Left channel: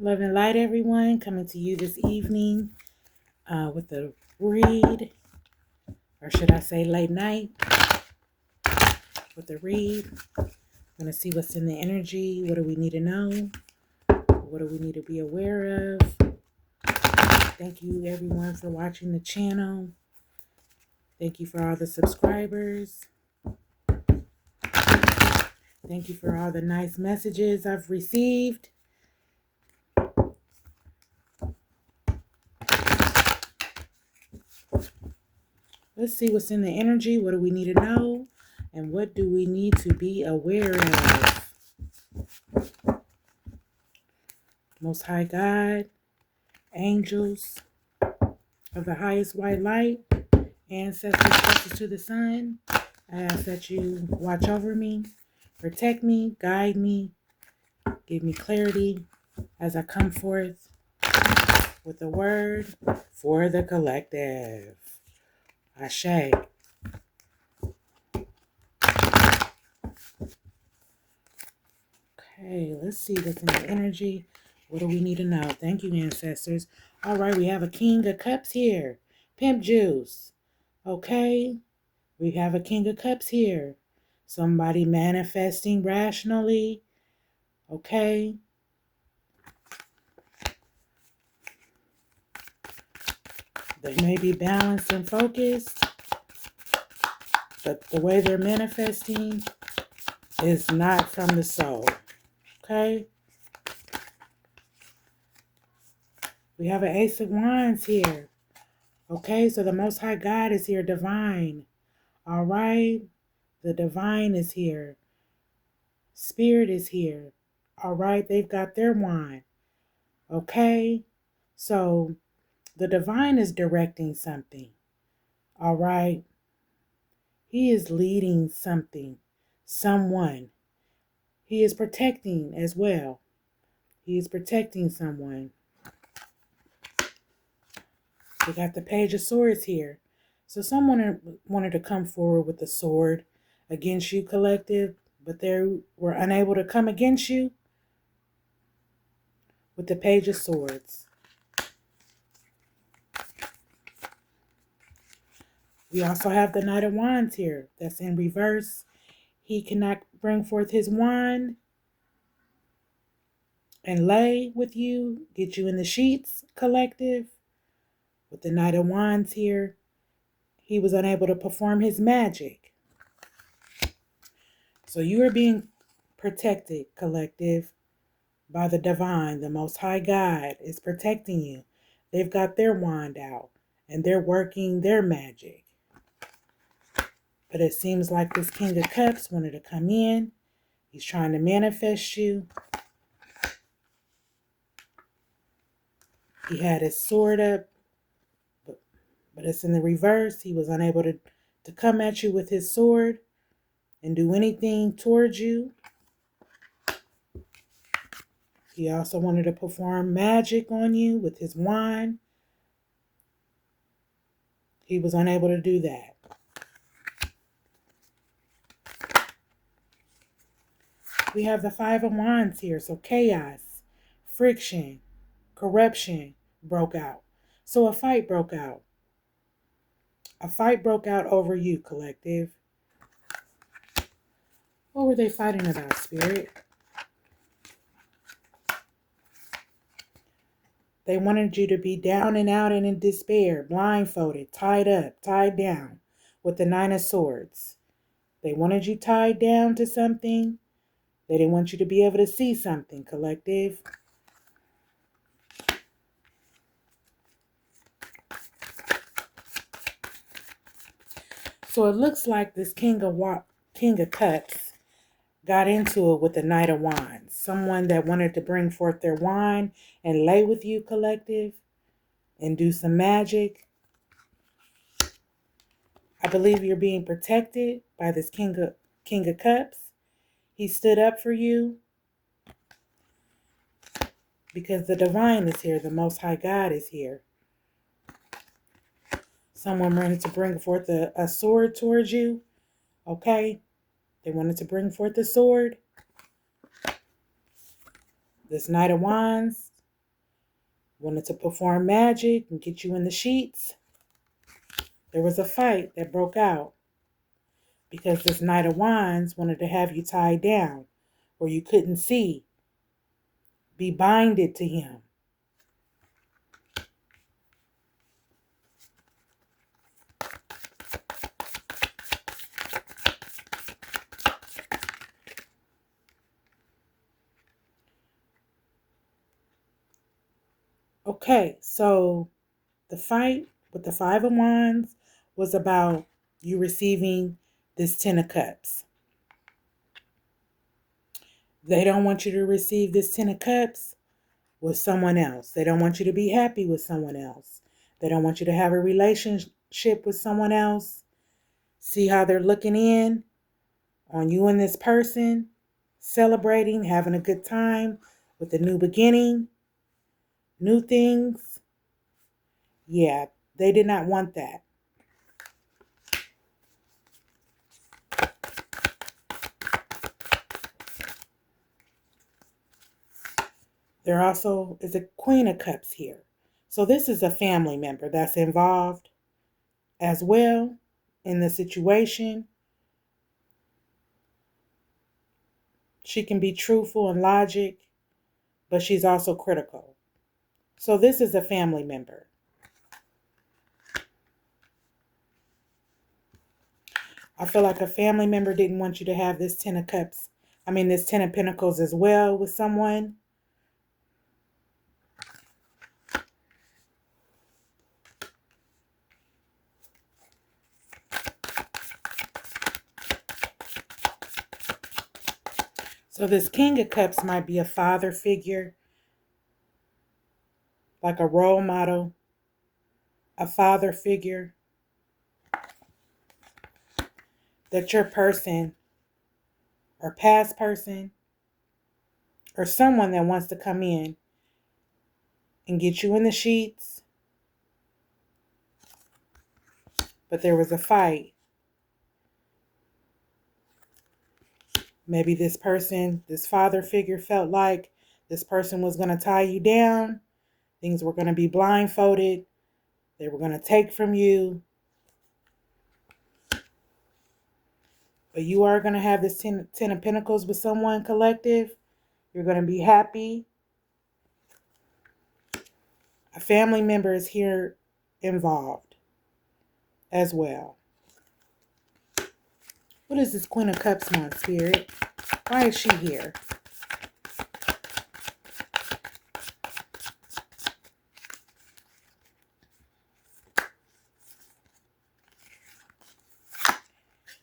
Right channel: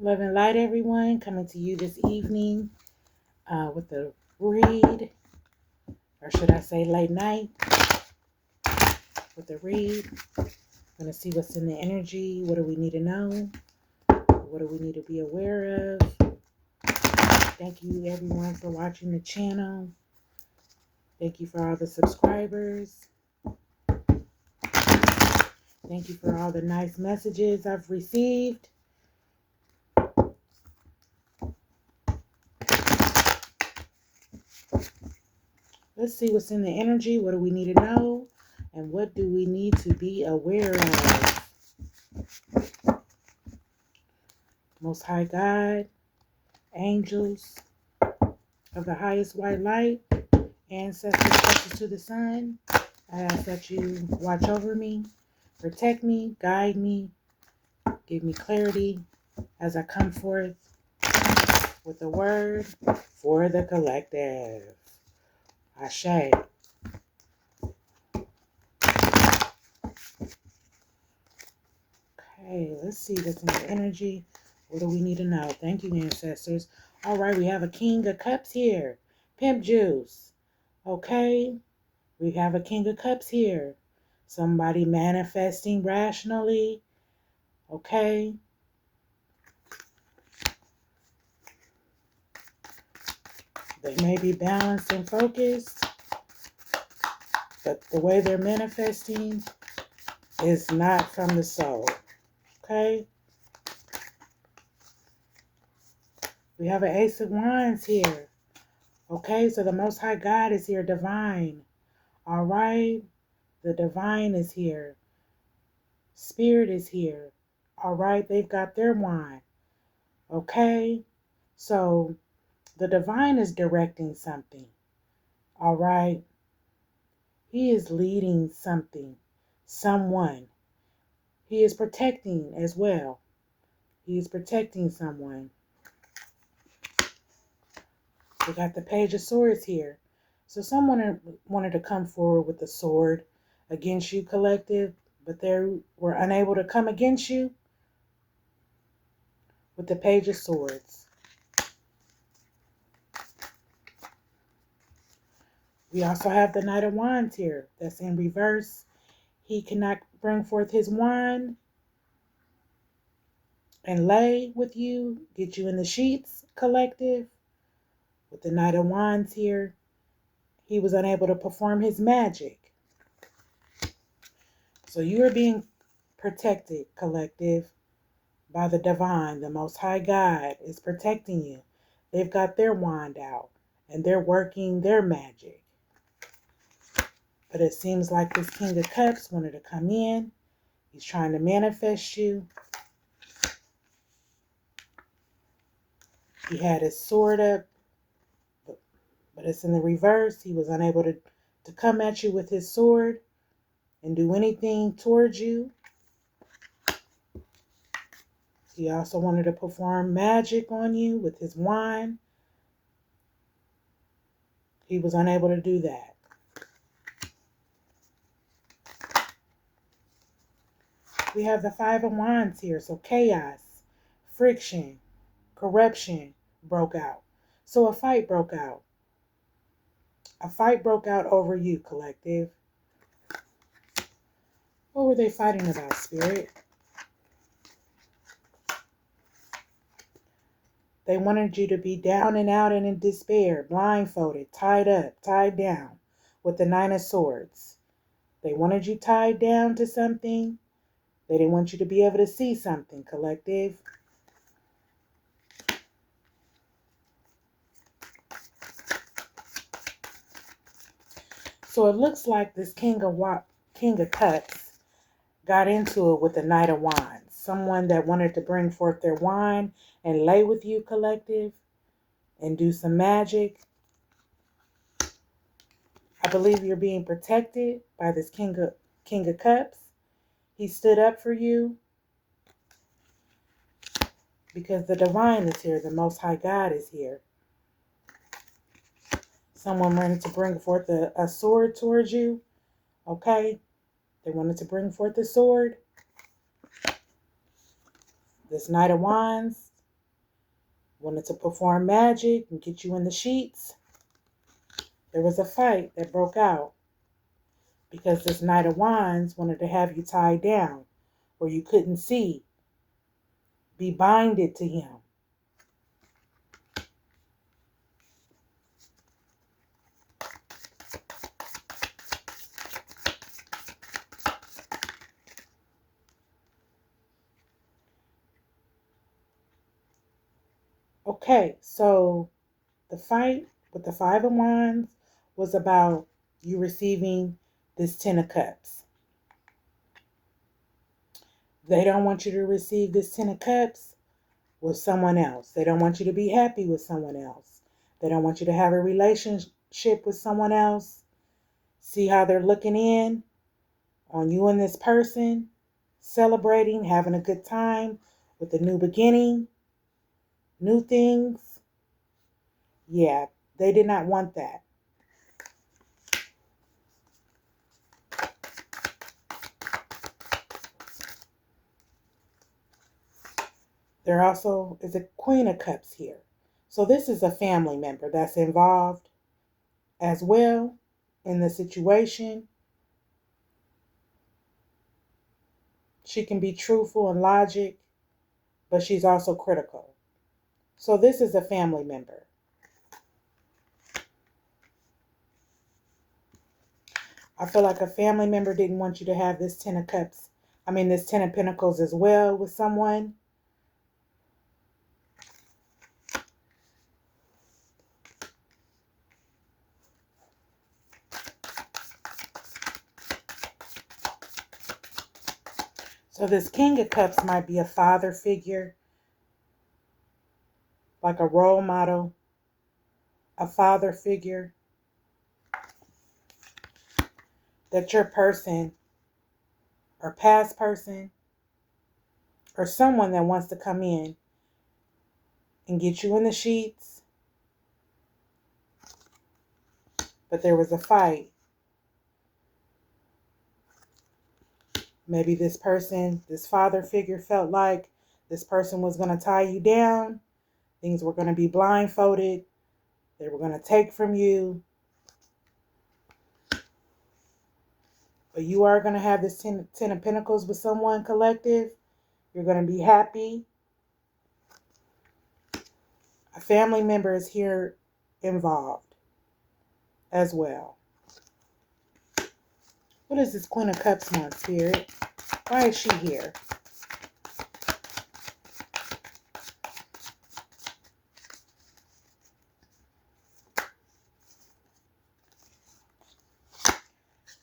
Love and light, everyone. Coming to you this evening with a read, or should I say late night with a read. I'm going to see what's in the energy. What do we need to know? What do we need to be aware of? Thank you, everyone, for watching the channel. Thank you for all the subscribers. Thank you for all the nice messages I've received. Let's see what's in the energy. What do we need to know? And what do we need to be aware of? Most High God, angels of the highest white light, ancestors closest to the sun, I ask that you watch over me, protect me, guide me, give me clarity as I come forth with a word for the collective. Ashe. Okay, let's see what's in the energy. What do we need to know? Thank you, ancestors. All right, we have a King of Cups here. Pimp juice. Okay, we have a King of Cups here. Somebody manifesting rationally. Okay. They may be balanced and focused, but the way they're manifesting is not from the soul. Okay. We have an Ace of Wands here. Okay, so the Most High God is here, divine. All right. The divine is here. Spirit is here. All right. They've got their wand. Okay. So the divine is directing something. All right. He is leading something, someone. He is protecting as well. He is protecting someone. We got the Page of Swords here. So someone wanted to come forward with the sword against you, collective, but they were unable to come against you with the Page of Swords. We also have the Knight of Wands here. That's in reverse. He cannot bring forth his wand and lay with you, get you in the sheets, collective. With the Knight of Wands here, he was unable to perform his magic. So you are being protected, collective, by the divine. The Most High God is protecting you. They've got their wand out and they're working their magic. But it seems like this King of Cups wanted to come in. He's trying to manifest you. He had his sword up, but it's in the reverse. He was unable to come at you with his sword and do anything towards you. He also wanted to perform magic on you with his wand. He was unable to do that. We have the Five of Wands here. So chaos, friction, corruption broke out. So a fight broke out. A fight broke out over you, collective. What were they fighting about, Spirit? They wanted you to be down and out and in despair, blindfolded, tied up, tied down with the Nine of Swords. They wanted you tied down to something. They didn't want you to be able to see something, collective. So it looks like this King of Cups got into it with the Knight of Wands. Someone that wanted to bring forth their wand and lay with you, collective, and do some magic. I believe you're being protected by this King of Cups. He stood up for you because the divine is here. The Most High God is here. Someone wanted to bring forth a sword towards you. Okay? They wanted to bring forth the sword. This Knight of Wands wanted to perform magic and get you in the sheets. There was a fight that broke out because this Knight of Wands wanted to have you tied down where you couldn't see, be binded to him. Okay, so the fight with the Five of Wands was about you receiving this Ten of Cups. They don't want you to receive this Ten of Cups with someone else. They don't want you to be happy with someone else. They don't want you to have a relationship with someone else. See how they're looking in on you and this person, celebrating, having a good time with a new beginning, new things. Yeah, they did not want that. There also is a Queen of Cups here. So this is a family member that's involved as well in the situation. She can be truthful and logic, but she's also critical. So this is a family member. I feel like a family member didn't want you to have this Ten of Cups. This Ten of Pentacles as well with someone. So this King of Cups might be a father figure, like a role model, a father figure that your person or past person or someone that wants to come in and get you in the sheets. But there was a fight. Maybe this person, this father figure, felt like this person was going to tie you down. Things were going to be blindfolded. They were going to take from you. But you are going to have this Ten of Pentacles with someone, collective. You're going to be happy. A family member is here involved as well. What is this Queen of Cups want, Spirit? Why is she here?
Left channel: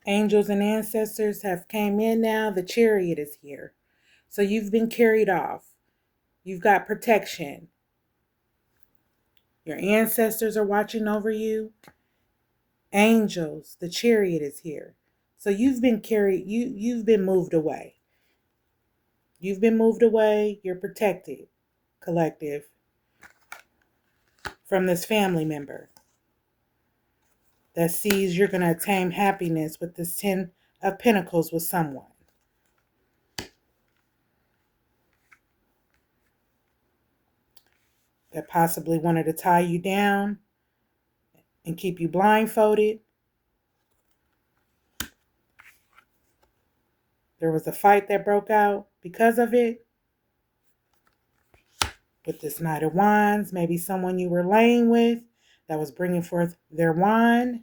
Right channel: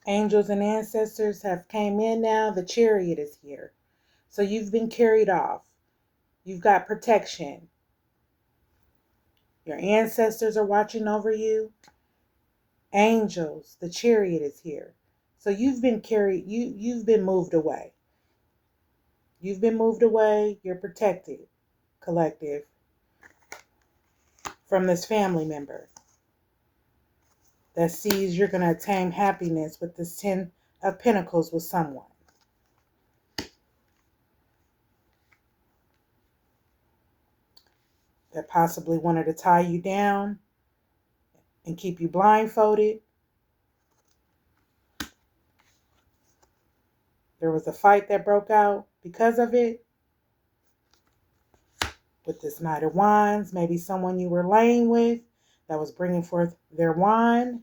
Angels and ancestors have came in now. The Chariot is here. So you've been carried off. You've got protection. Your ancestors are watching over you. Angels, the Chariot is here. So you've been carried, you've been moved away. You've been moved away. You're protected, collective, from this family member that sees you're going to attain happiness with this Ten of Pentacles with someone. That possibly wanted to tie you down and keep you blindfolded. There was a fight that broke out because of it. With this Knight of Wands, maybe someone you were laying with that was bringing forth their wand.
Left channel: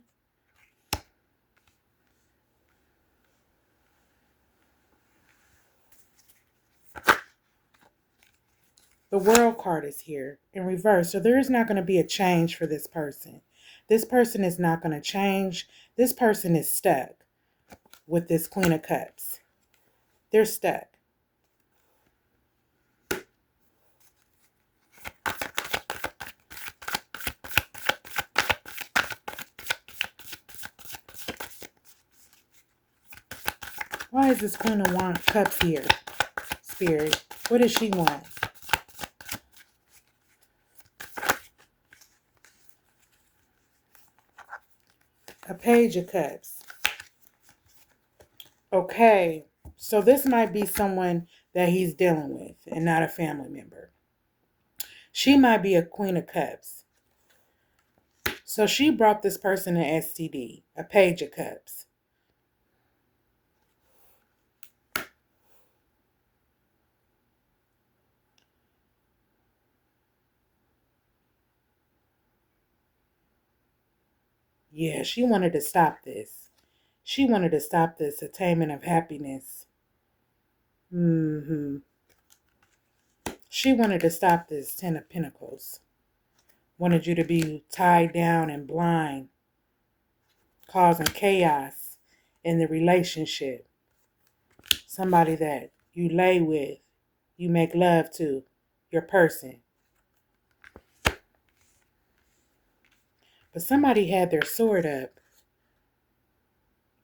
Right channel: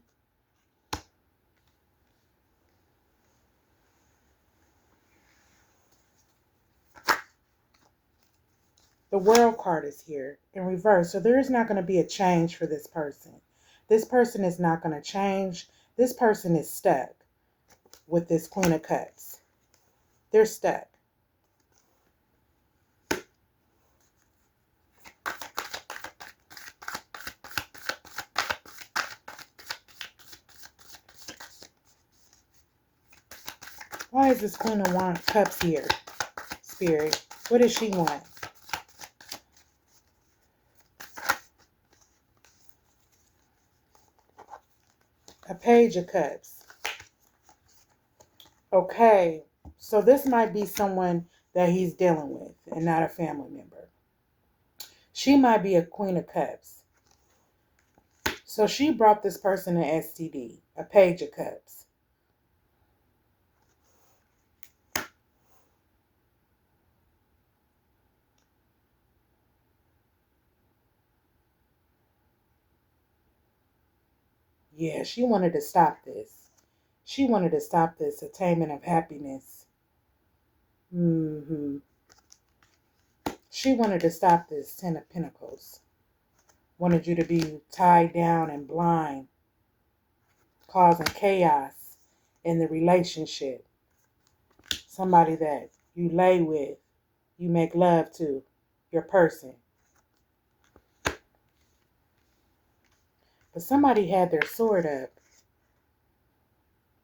The World card is here in reverse. So there is not going to be a change for this person. This person is not going to change. This person is stuck with this Queen of Cups. They're stuck. Why is this Queen of Cups here, Spirit? What does she want? A Page of Cups. Okay, so this might be someone that he's dealing with and not a family member. She might be a Queen of Cups. So she brought this person an STD, a Page of Cups. Yeah, she wanted to stop this. She wanted to stop this attainment of happiness. She wanted to stop this Ten of Pentacles. Wanted you to be tied down and blind, causing chaos in the relationship. Somebody that you lay with, you make love to, your person. But somebody had their sword up,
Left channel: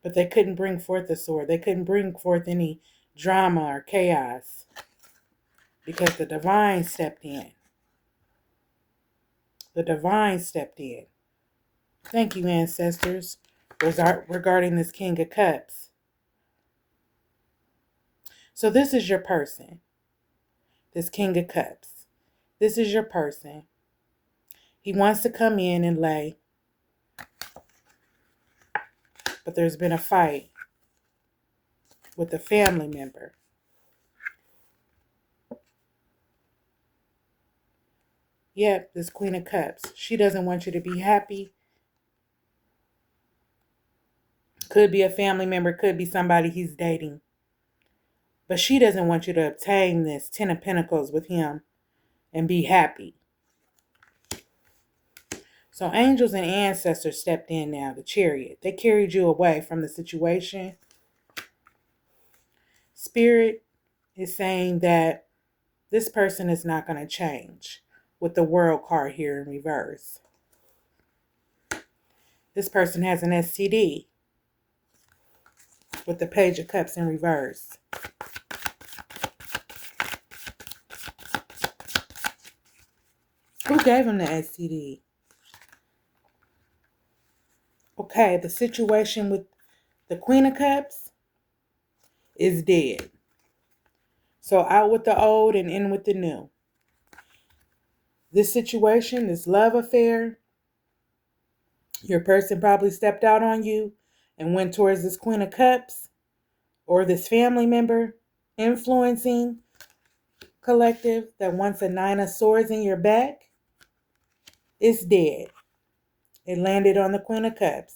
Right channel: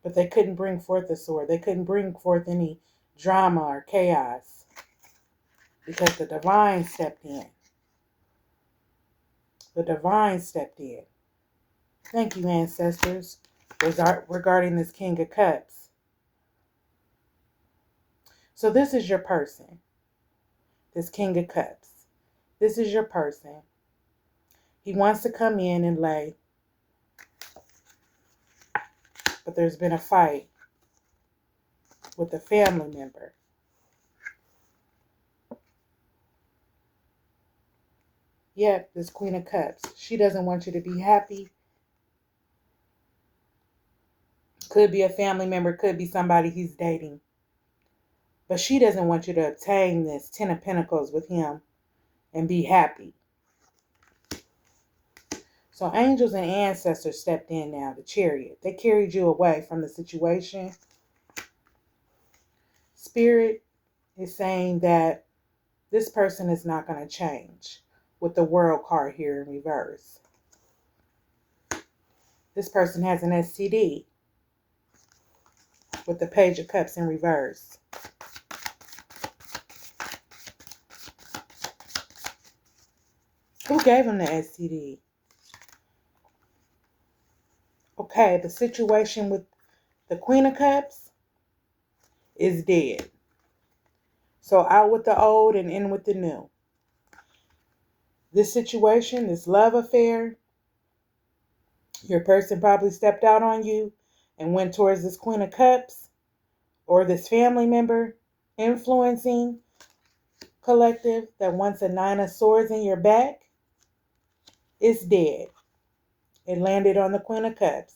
but they couldn't bring forth the sword. They couldn't bring forth any drama or chaos because the divine stepped in. The divine stepped in. Thank you, ancestors, regarding this King of Cups. So this is your person, this King of Cups. This is your person. He wants to come in and lay, but there's been a fight with a family member. Yep, this Queen of Cups. She doesn't want you to be happy. Could be a family member, could be somebody he's dating. But she doesn't want you to obtain this Ten of Pentacles with him and be happy. So angels and ancestors stepped in now, the Chariot. They carried you away from the situation. Spirit is saying that this person is not going to change with the World card here in reverse. This person has an STD with the Page of Cups in reverse. Who gave him the STD? Okay, the situation with the Queen of Cups is dead. So out with the old and in with the new. This situation, this love affair, your person probably stepped out on you and went towards this Queen of Cups or this family member influencing collective that wants a Nine of Swords in your back. It's dead. It landed on the Queen of Cups.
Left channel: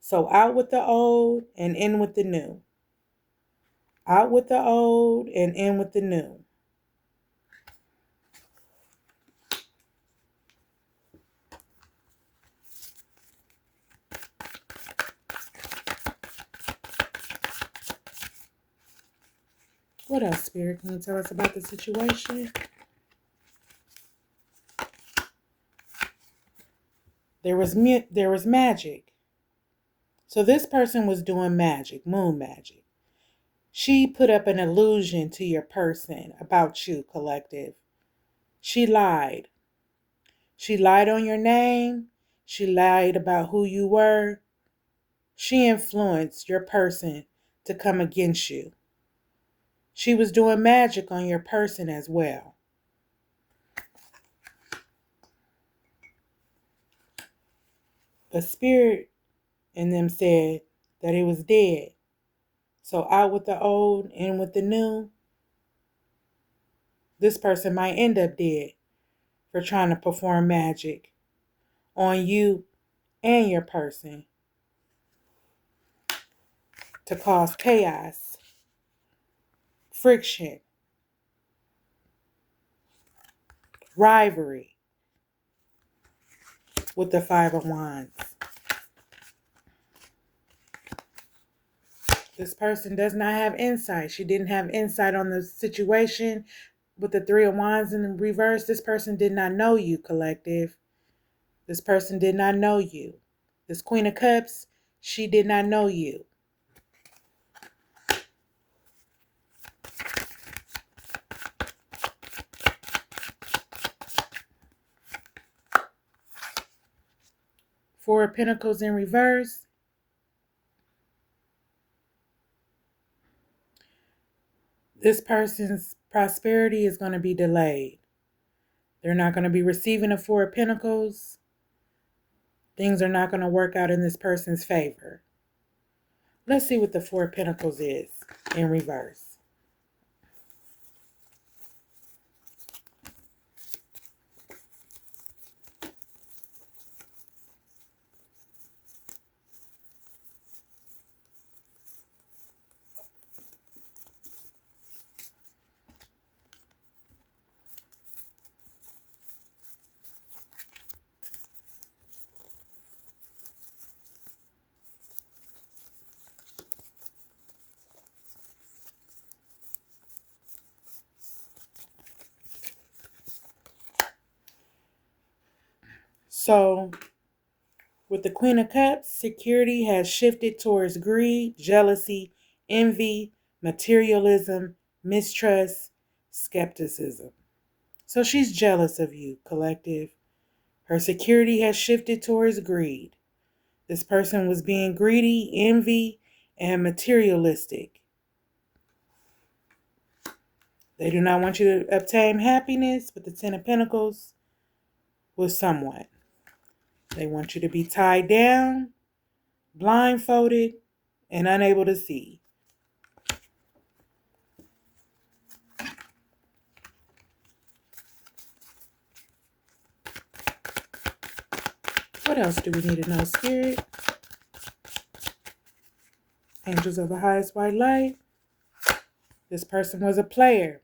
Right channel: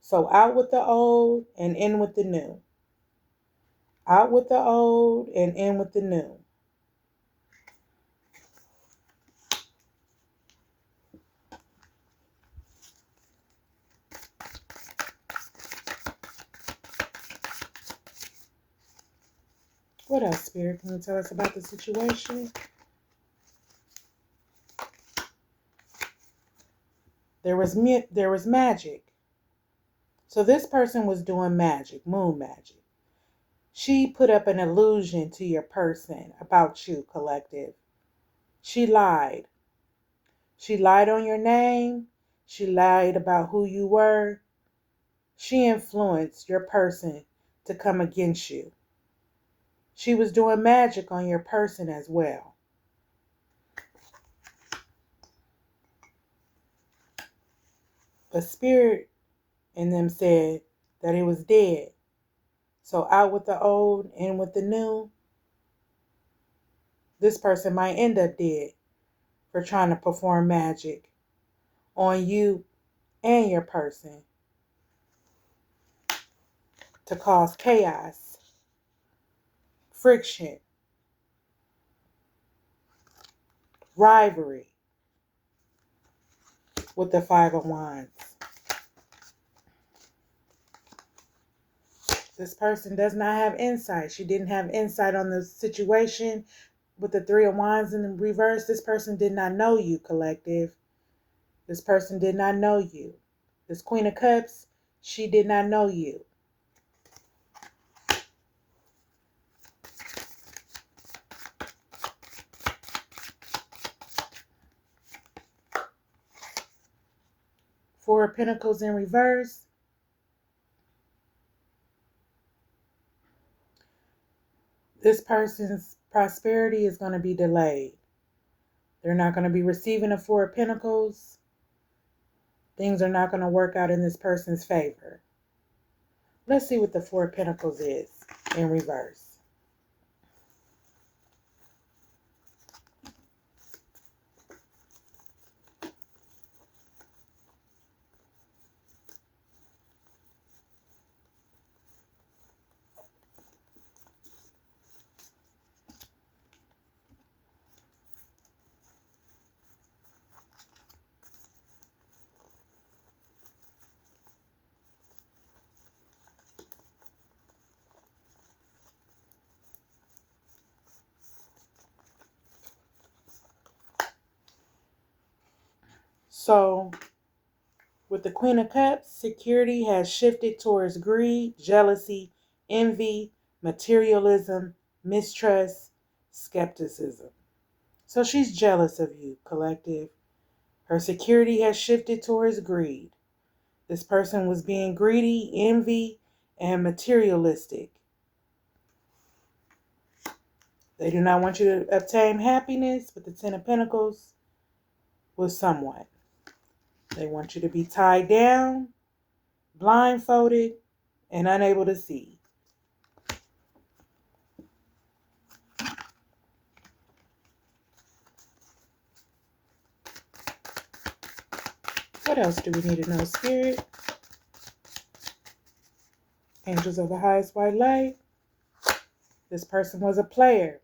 So out with the old and in with the new. Out with the old and in with the new. What else, Spirit? Can you tell us about the situation? There was magic. So this person was doing magic, moon magic. She put up an illusion to your person about you, collective. She lied. She lied on your name. She lied about who you were. She influenced your person to come against you. She was doing magic on your person as well. But Spirit in them said that it was dead. So out with the old, in with the new. This person might end up dead for trying to perform magic on you and your person to cause chaos, friction, rivalry with the Five of Wands. This person does not have insight. She didn't have insight on the situation with the Three of Wands in the reverse. This person did not know you, collective. This person did not know you. This Queen of Cups, she did not know you. Four of Pentacles in reverse. This person's prosperity is going to be delayed. They're not going to be receiving the Four of Pentacles. Things are not going to work out in this person's favor. Let's see what the Four of Pentacles is in reverse. So, with the Queen of Cups, security has shifted towards greed, jealousy, envy, materialism, mistrust, skepticism. So she's jealous of you, collective. Her security has shifted towards greed. This person was being greedy, envy, and materialistic. They do not want you to obtain happiness with the Ten of Pentacles with someone. They want you to be tied down, blindfolded, and unable to see. What else do we need to know, Spirit? Angels of the highest white light. This person was a player.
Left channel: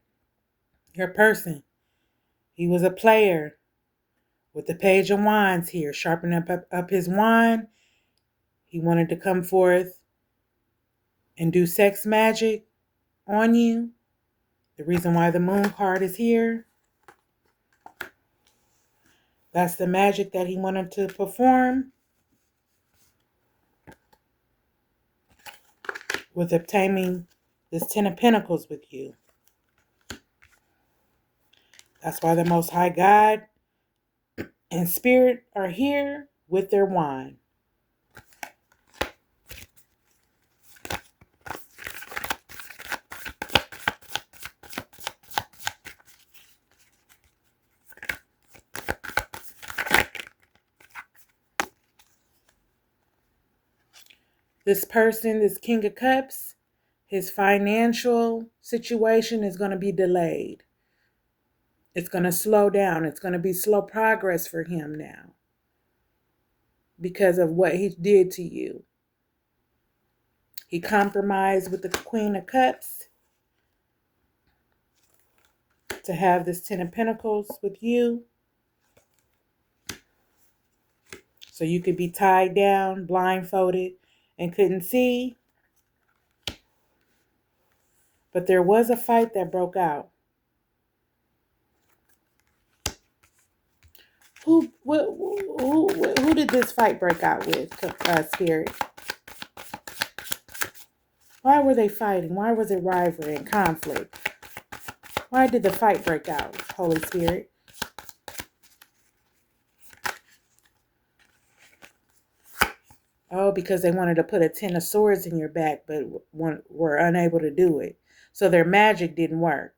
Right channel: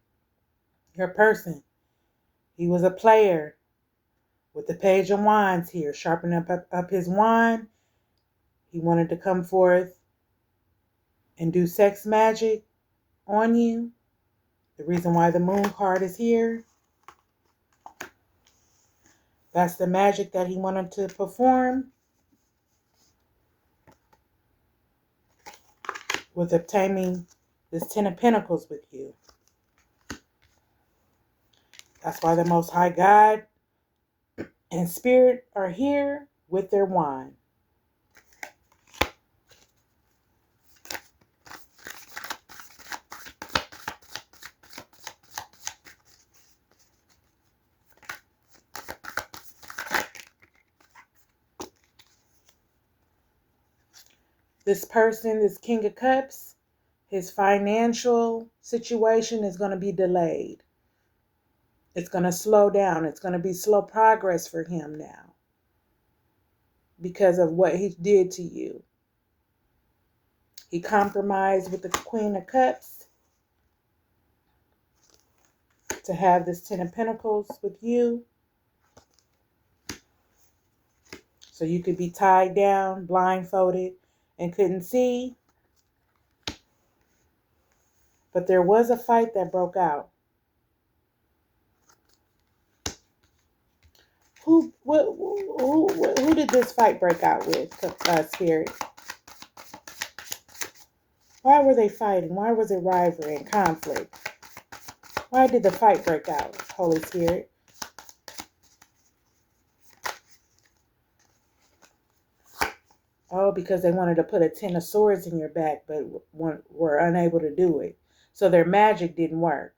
Your person. He was a player. With the Page of Wands here, sharpening up his wand. He wanted to come forth and do sex magic on you. The reason why the Moon card is here. That's the magic that he wanted to perform with obtaining this Ten of Pentacles with you. That's why the Most High God and Spirit are here with their wand. This person, this King of Cups, his financial situation is going to be delayed. It's going to slow down. It's going to be slow progress for him now because of what he did to you. He compromised with the Queen of Cups to have this Ten of Pentacles with you. So you could be tied down, blindfolded, and couldn't see. But there was a fight that broke out. Who did this fight break out with, Spirit? Why were they fighting? Why was it rivalry and conflict? Why did the fight break out, Holy Spirit? Oh, because they wanted to put a Ten of Swords in your back, but were unable to do it. So their magic didn't work.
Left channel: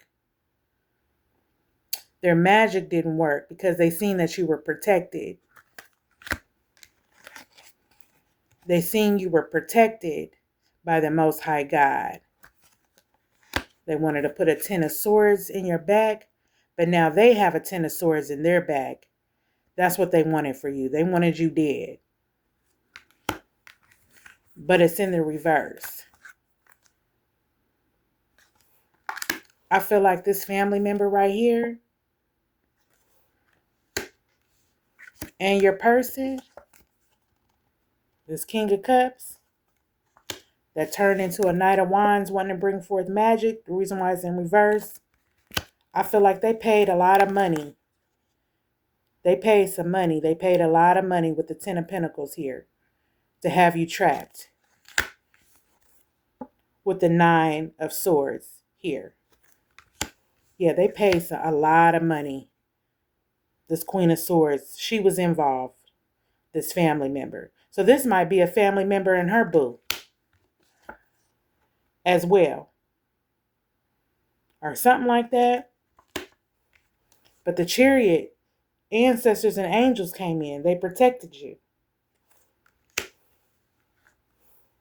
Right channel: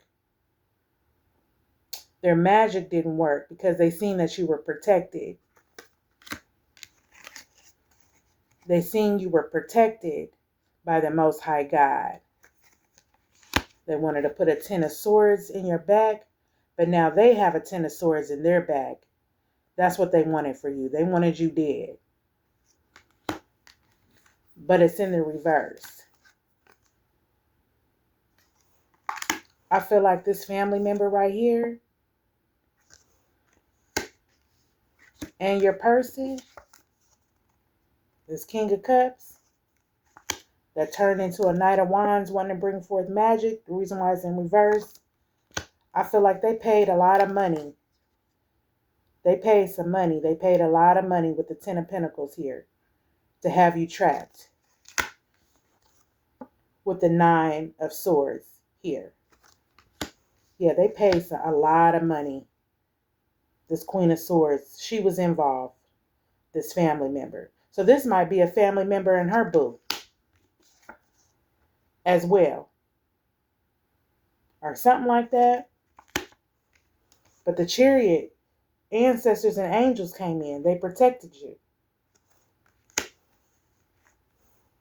Their magic didn't work because they seen that you were protected. They seen you were protected by the Most High God. They wanted to put a Ten of Swords in your back, but now they have a Ten of Swords in their back. That's what they wanted for you. They wanted you dead. But it's in the reverse. I feel like this family member right here and your person, this King of Cups, that turned into a Knight of Wands wanting to bring forth magic. The reason why it's in reverse, I feel like they paid a lot of money. They paid some money. They paid a lot of money with the Ten of Pentacles here to have you trapped. With the Nine of Swords here. Yeah, they paid a lot of money. This Queen of Swords, she was involved. This family member. So this might be a family member and her boo as well. Or something like that. But the Chariot, ancestors and angels came in. They protected you.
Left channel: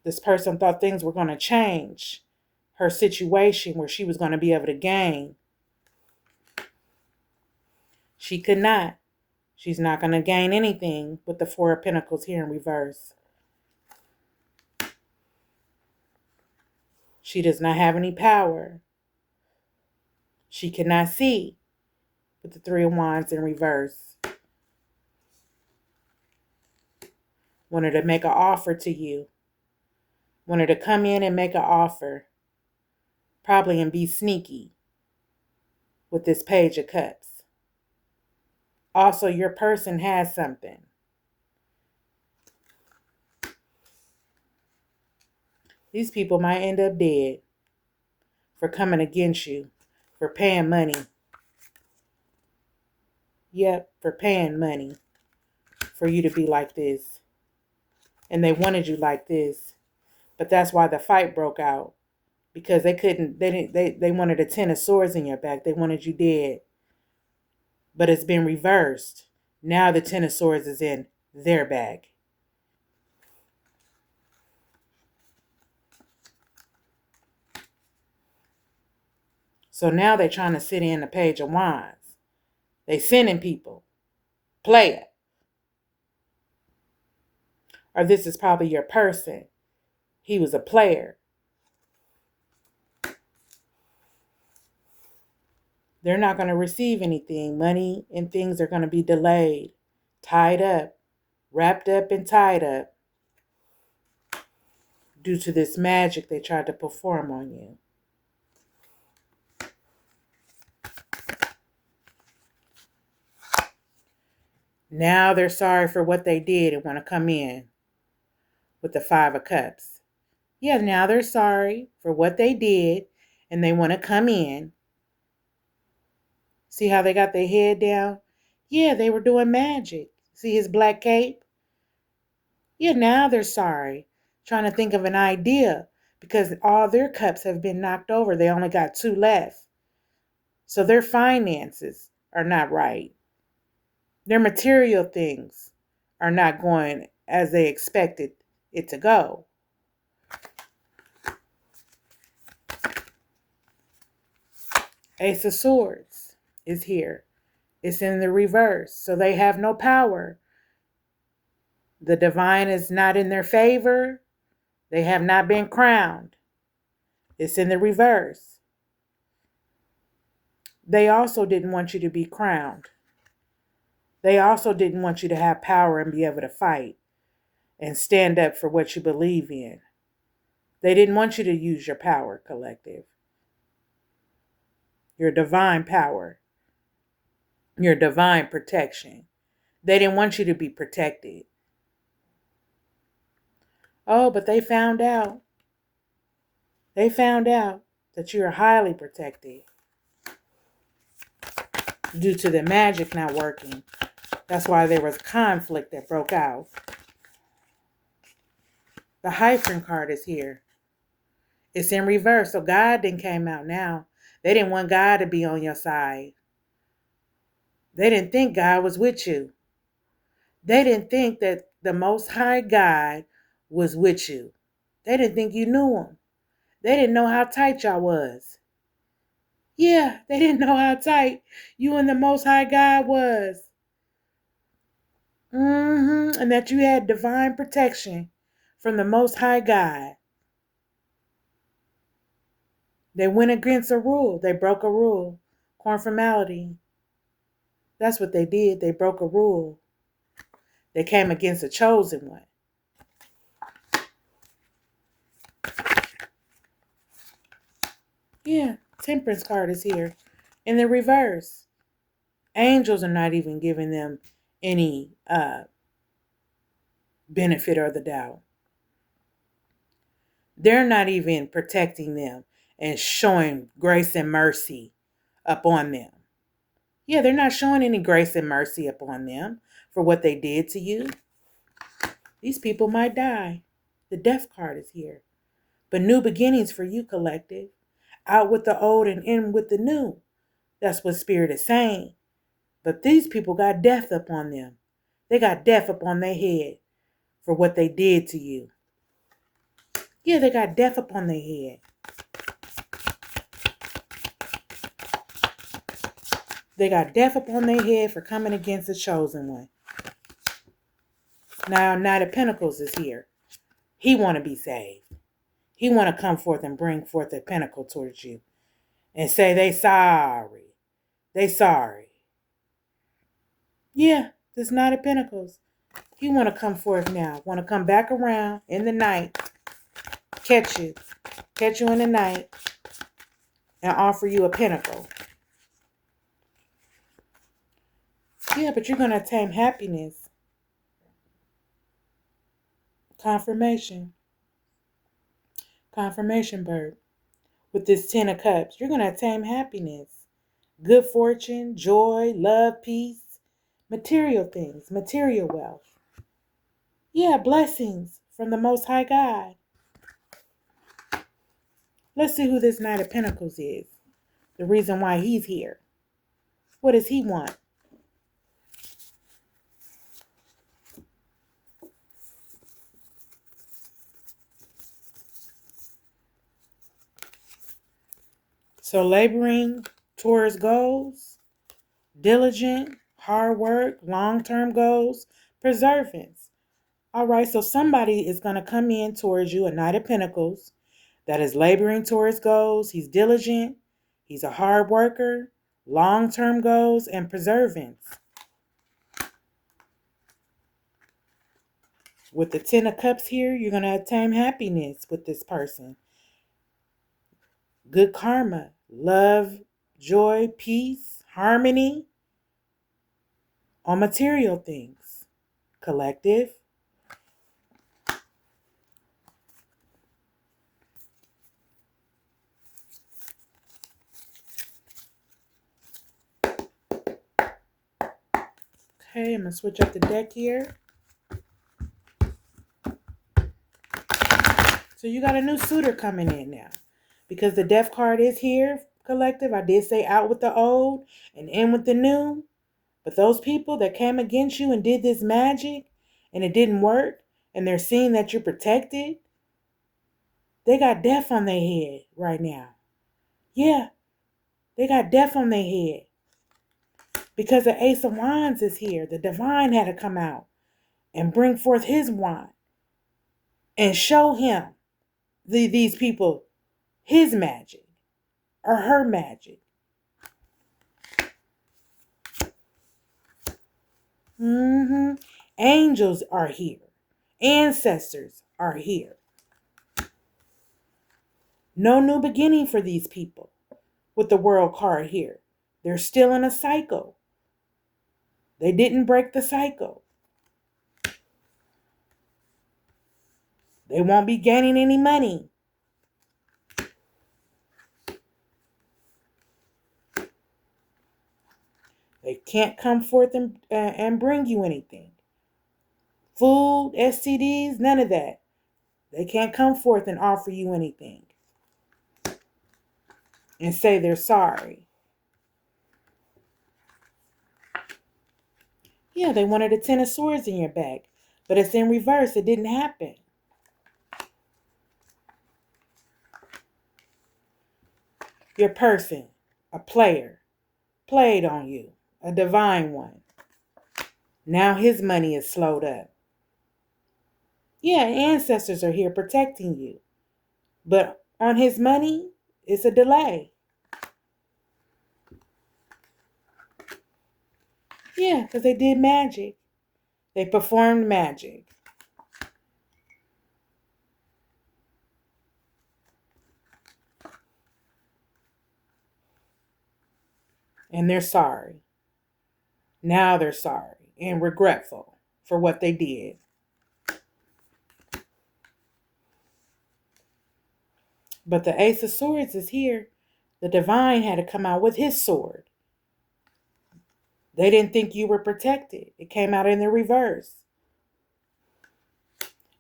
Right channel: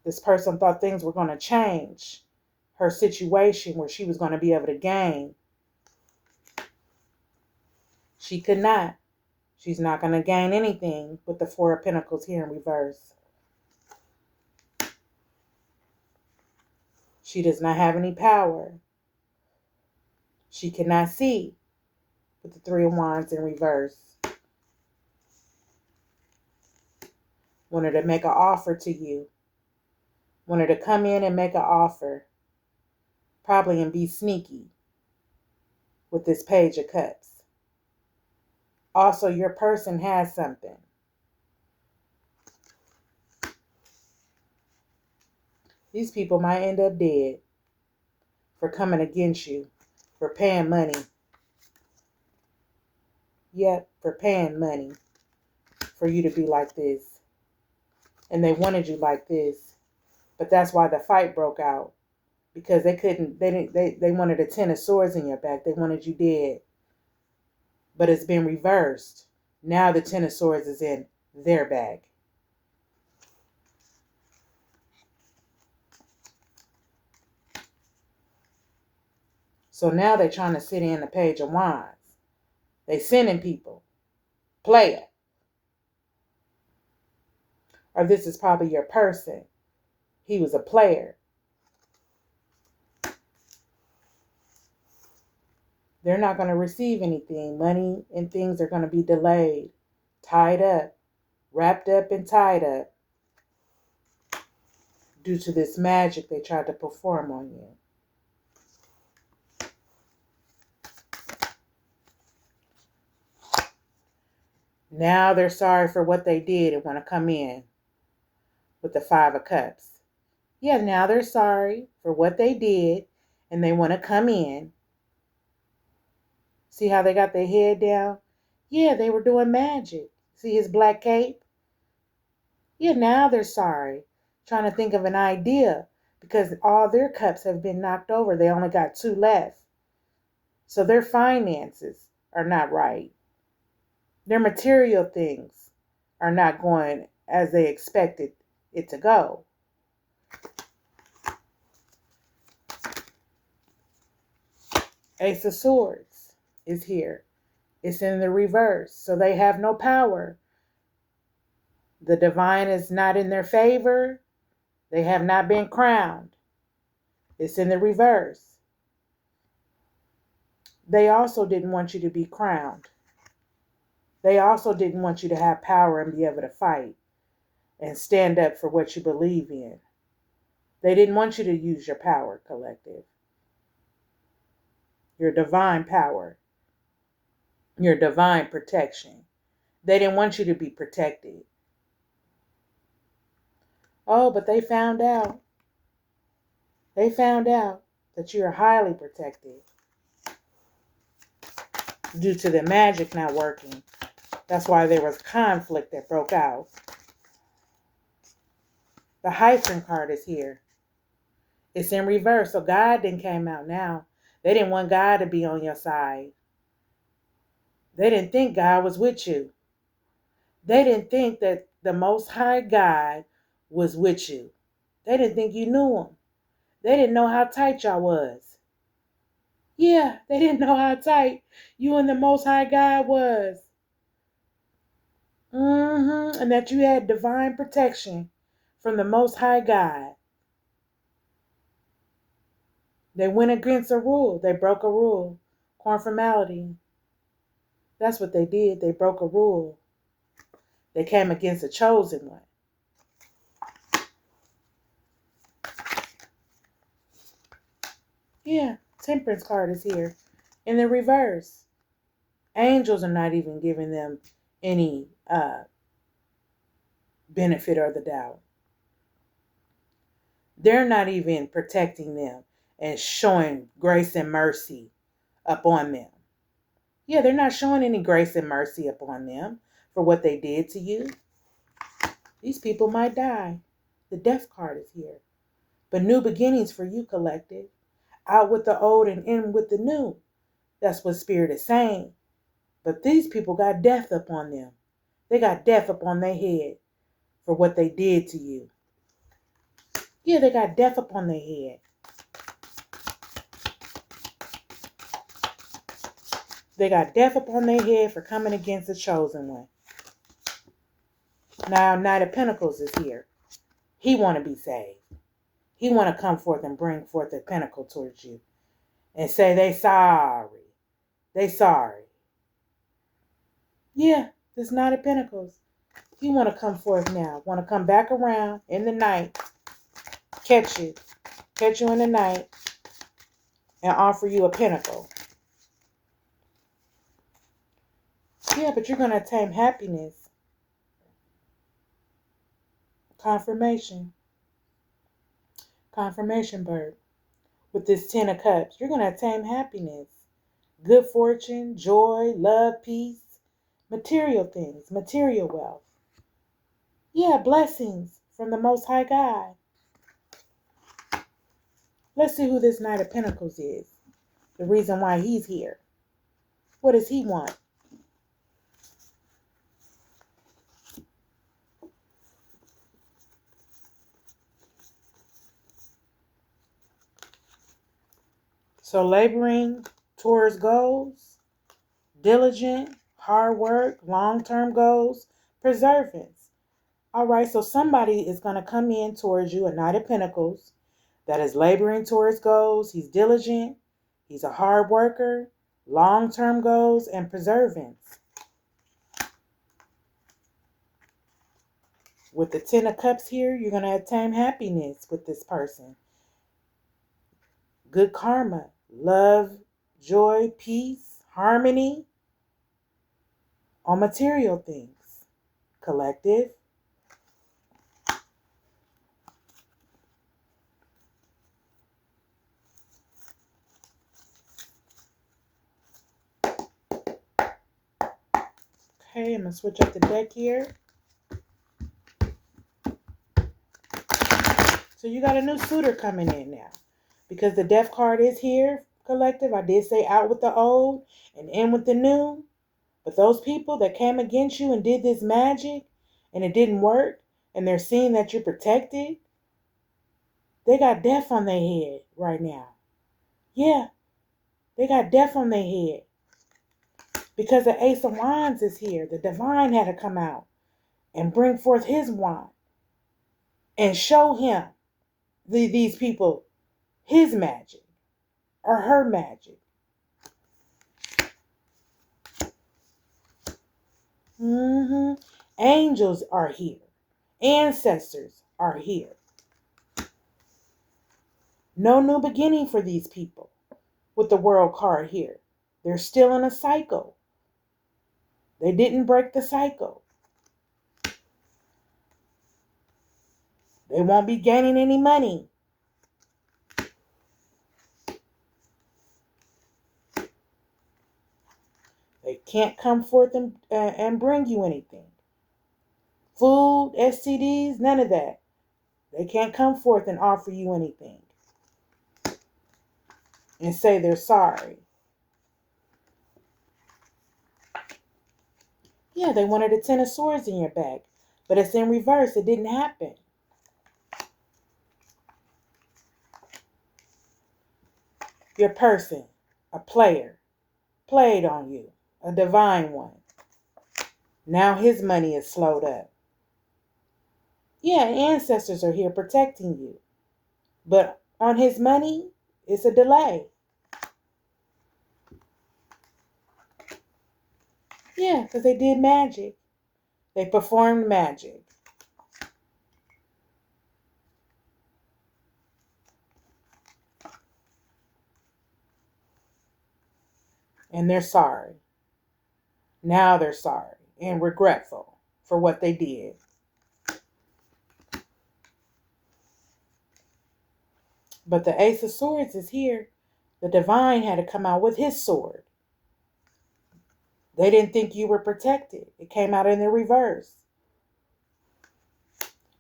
This person thought things were going to change. Her situation where she was going to be able to gain. She could not. She's not going to gain anything with the Four of Pentacles here in reverse. She does not have any power. She cannot see with the Three of Wands in reverse. Wanted to make an offer to you. Wanted to come in and make an offer. Probably and be sneaky with this Page of Cups. Also, your person has something. These people might end up dead for coming against you, for paying money. Yep, for paying money for you to be like this. And they wanted you like this. But that's why the fight broke out. Because they wanted a 10 of swords in your back. They wanted you dead. But it's been reversed. Now the 10 of swords is in their bag. So now they're trying to sit in the Page of Wands. They sending people. Play it. Or this is probably your person. He was a player. They're not going to receive anything. Money and things are going to be delayed, tied up, wrapped up and tied up due to this magic they tried to perform on you. Now they're sorry for what they did and want to come in with the Five of Cups. Yeah, now they're sorry for what they did and they want to come in. See how they got their head down? Yeah, they were doing magic. See his black cape? Yeah, now they're sorry. Trying to think of an idea because all their cups have been knocked over. They only got 2 left. So their finances are not right. Their material things are not going as they expected it to go. Ace of Swords is here. It's in the reverse. So they have no power. The divine is not in their favor. They have not been crowned. It's in the reverse. They also didn't want you to be crowned. They also didn't want you to have power and be able to fight and stand up for what you believe in. They didn't want you to use your power, collective. Your divine power. Your divine protection. They didn't want you to be protected. Oh, but they found out. They found out that you are highly protected due to the magic not working. That's why there was conflict that broke out. The Hyphen card is here. It's in reverse, so God didn't came out now. They didn't want God to be on your side. They didn't think God was with you. They didn't think that the Most High God was with you. They didn't think you knew him. They didn't know how tight y'all was. Yeah, they didn't know how tight you and the Most High God was. And that you had divine protection from the Most High God. They went against a rule. They broke a rule. Conformality. That's what they did. They broke a rule. They came against a chosen one. Yeah, Temperance card is here. In the reverse. Angels are not even giving them any benefit or the doubt. They're not even protecting them and showing grace and mercy upon them. Yeah, they're not showing any grace and mercy upon them for what they did to you. These people might die. The Death card is here. But new beginnings for you, collective. Out with the old and in with the new. That's what Spirit is saying. But these people got death upon them. They got death upon their head for what they did to you. Yeah, they got death upon their head. They got death upon their head for coming against the chosen one. Now, Knight of Pentacles is here. He want to be saved. He want to come forth and bring forth a pentacle towards you and say they sorry. They sorry. Yeah, this Knight of Pentacles. He want to come forth now. Want to come back around in the night. Catch you in the night, and offer you a pentacle. Yeah, but you're going to attain happiness. Confirmation, bird. With this 10 of Cups, you're going to attain happiness. Good fortune, joy, love, peace, material things, material wealth. Yeah, blessings from the Most High God. Let's see who this Knight of Pentacles is. The reason why he's here. What does he want? So laboring towards goals, diligent, hard work, long-term goals, perseverance. All right, so somebody is going to come in towards you, a Knight of Pentacles, that is laboring towards goals. He's diligent. He's a hard worker, long-term goals, and perseverance. With the 10 of Cups here, you're going to attain happiness with this person. Good karma, love, joy, peace, harmony on material things. Collective. Okay, I'm going to switch up the deck here. So you got a new suitor coming in now. Because the Death card is here, collective. I did say out with the old and in with the new. But those people that came against you and did this magic and it didn't work, and they're seeing that you're protected, they got death on their head right now. Yeah, they got death on their head. Because the Ace of Wands is here. The divine had to come out and bring forth his wand and show him, these people, his magic or her magic. Angels are here. Ancestors are here. No new beginning for these people with the World card here. They're still in a cycle. They didn't break the cycle. They won't be gaining any money. They can't come forth and bring you anything. Food, STDs, none of that. They can't come forth and offer you anything and say they're sorry. Yeah, they wanted a 10 of Swords in your back, but it's in reverse. It didn't happen. Your person, a player, played on you, a divine one. Now his money is slowed up. Yeah, ancestors are here protecting you. But on his money, it's a delay. Yeah, because they did magic. They performed magic. And they're sorry. Now they're sorry and regretful for what they did. But the Ace of Swords is here. The divine had to come out with his sword. They didn't think you were protected. It came out in the reverse.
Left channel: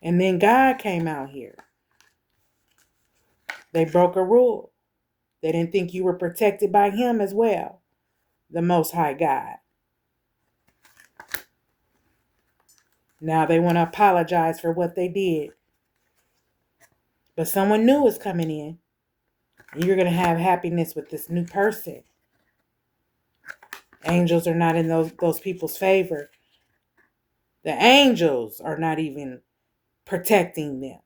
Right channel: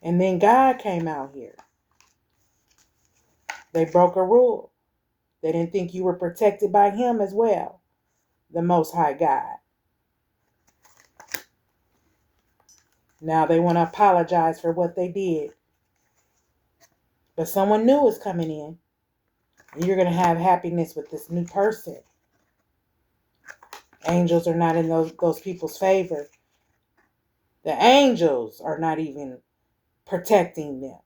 And then God came out here. They broke a rule. They didn't think you were protected by him as well, the Most High God. Now they want to apologize for what they did. But someone new is coming in. And you're going to have happiness with this new person. Angels are not in those people's favor. The angels are not even protecting them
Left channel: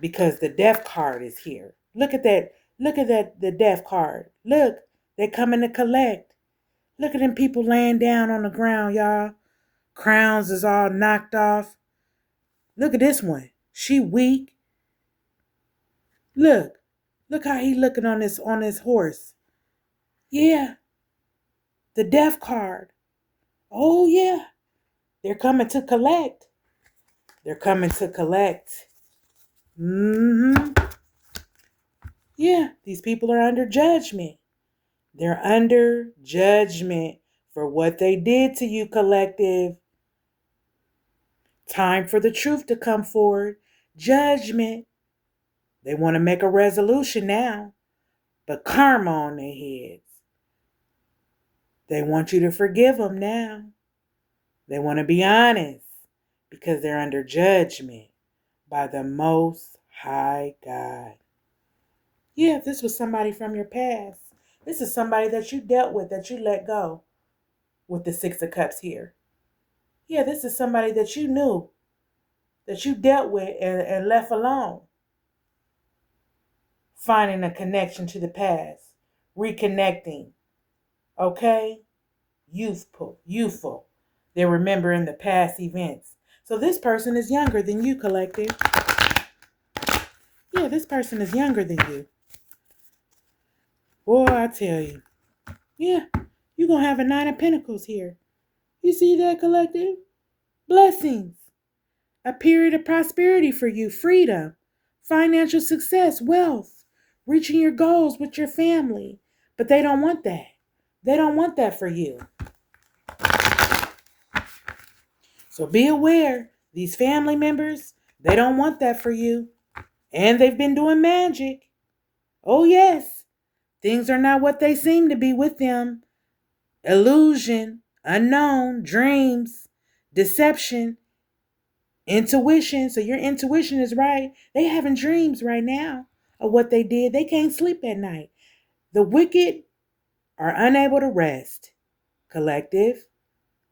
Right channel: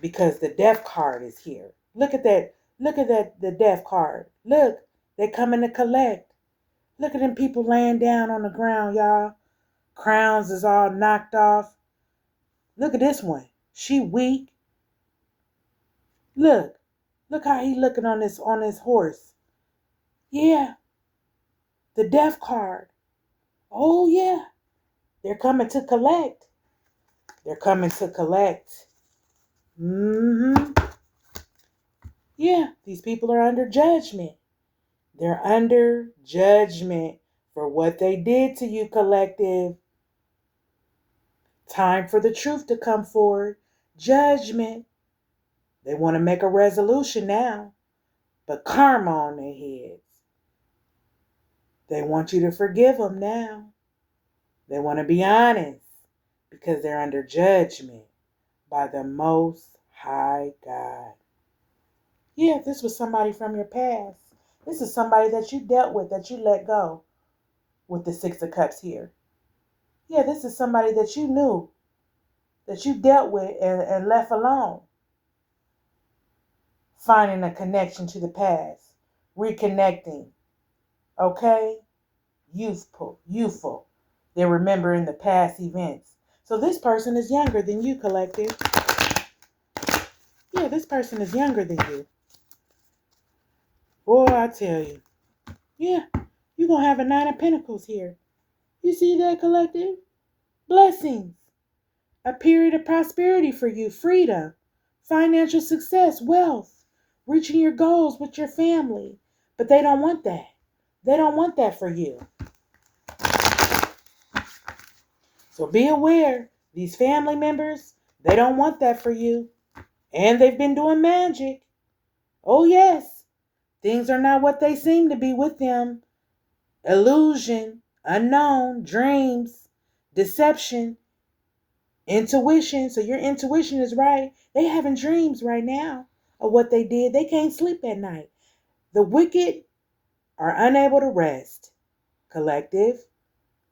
because the death card is here. Look at that. Look at that, the death card. Look, they're coming to collect. Look at them people laying down on the ground, y'all. Crowns is all knocked off. Look at this one. She weak. Look. Look how he looking on this horse. Yeah. The death card. Oh, yeah. They're coming to collect. They're coming to collect. Yeah, these people are under judgment. They're under judgment for what they did to you, collective. Time for the truth to come forward. Judgment. They want to make a resolution now, but karma on their heads. They want you to forgive them now. They want to be honest because they're under judgment by the Most High God. Yeah, if this was somebody from your past, this is somebody that you dealt with, that you let go with the Six of Cups here. Yeah, this is somebody that you knew, that you dealt with and left alone. Finding a connection to the past, reconnecting, okay? Youthful. They're remembering the past events. So this person is younger than you, collective. Yeah, this person is younger than you. Boy, I tell you. Yeah, you're going to have a 9 of Pentacles here. You see that, collective? Blessings. A period of prosperity for you. Freedom. Financial success. Wealth. Reaching your goals with your family. But they don't want that. They don't want that for you. So be aware. These family members, they don't want that for you. And they've been doing magic. Oh, yes. Things are not what they seem to be with them. Illusion, unknown, dreams, deception, intuition. So your intuition is right. They having dreams right now of what they did. They can't sleep at night. The wicked are unable to rest. Collective.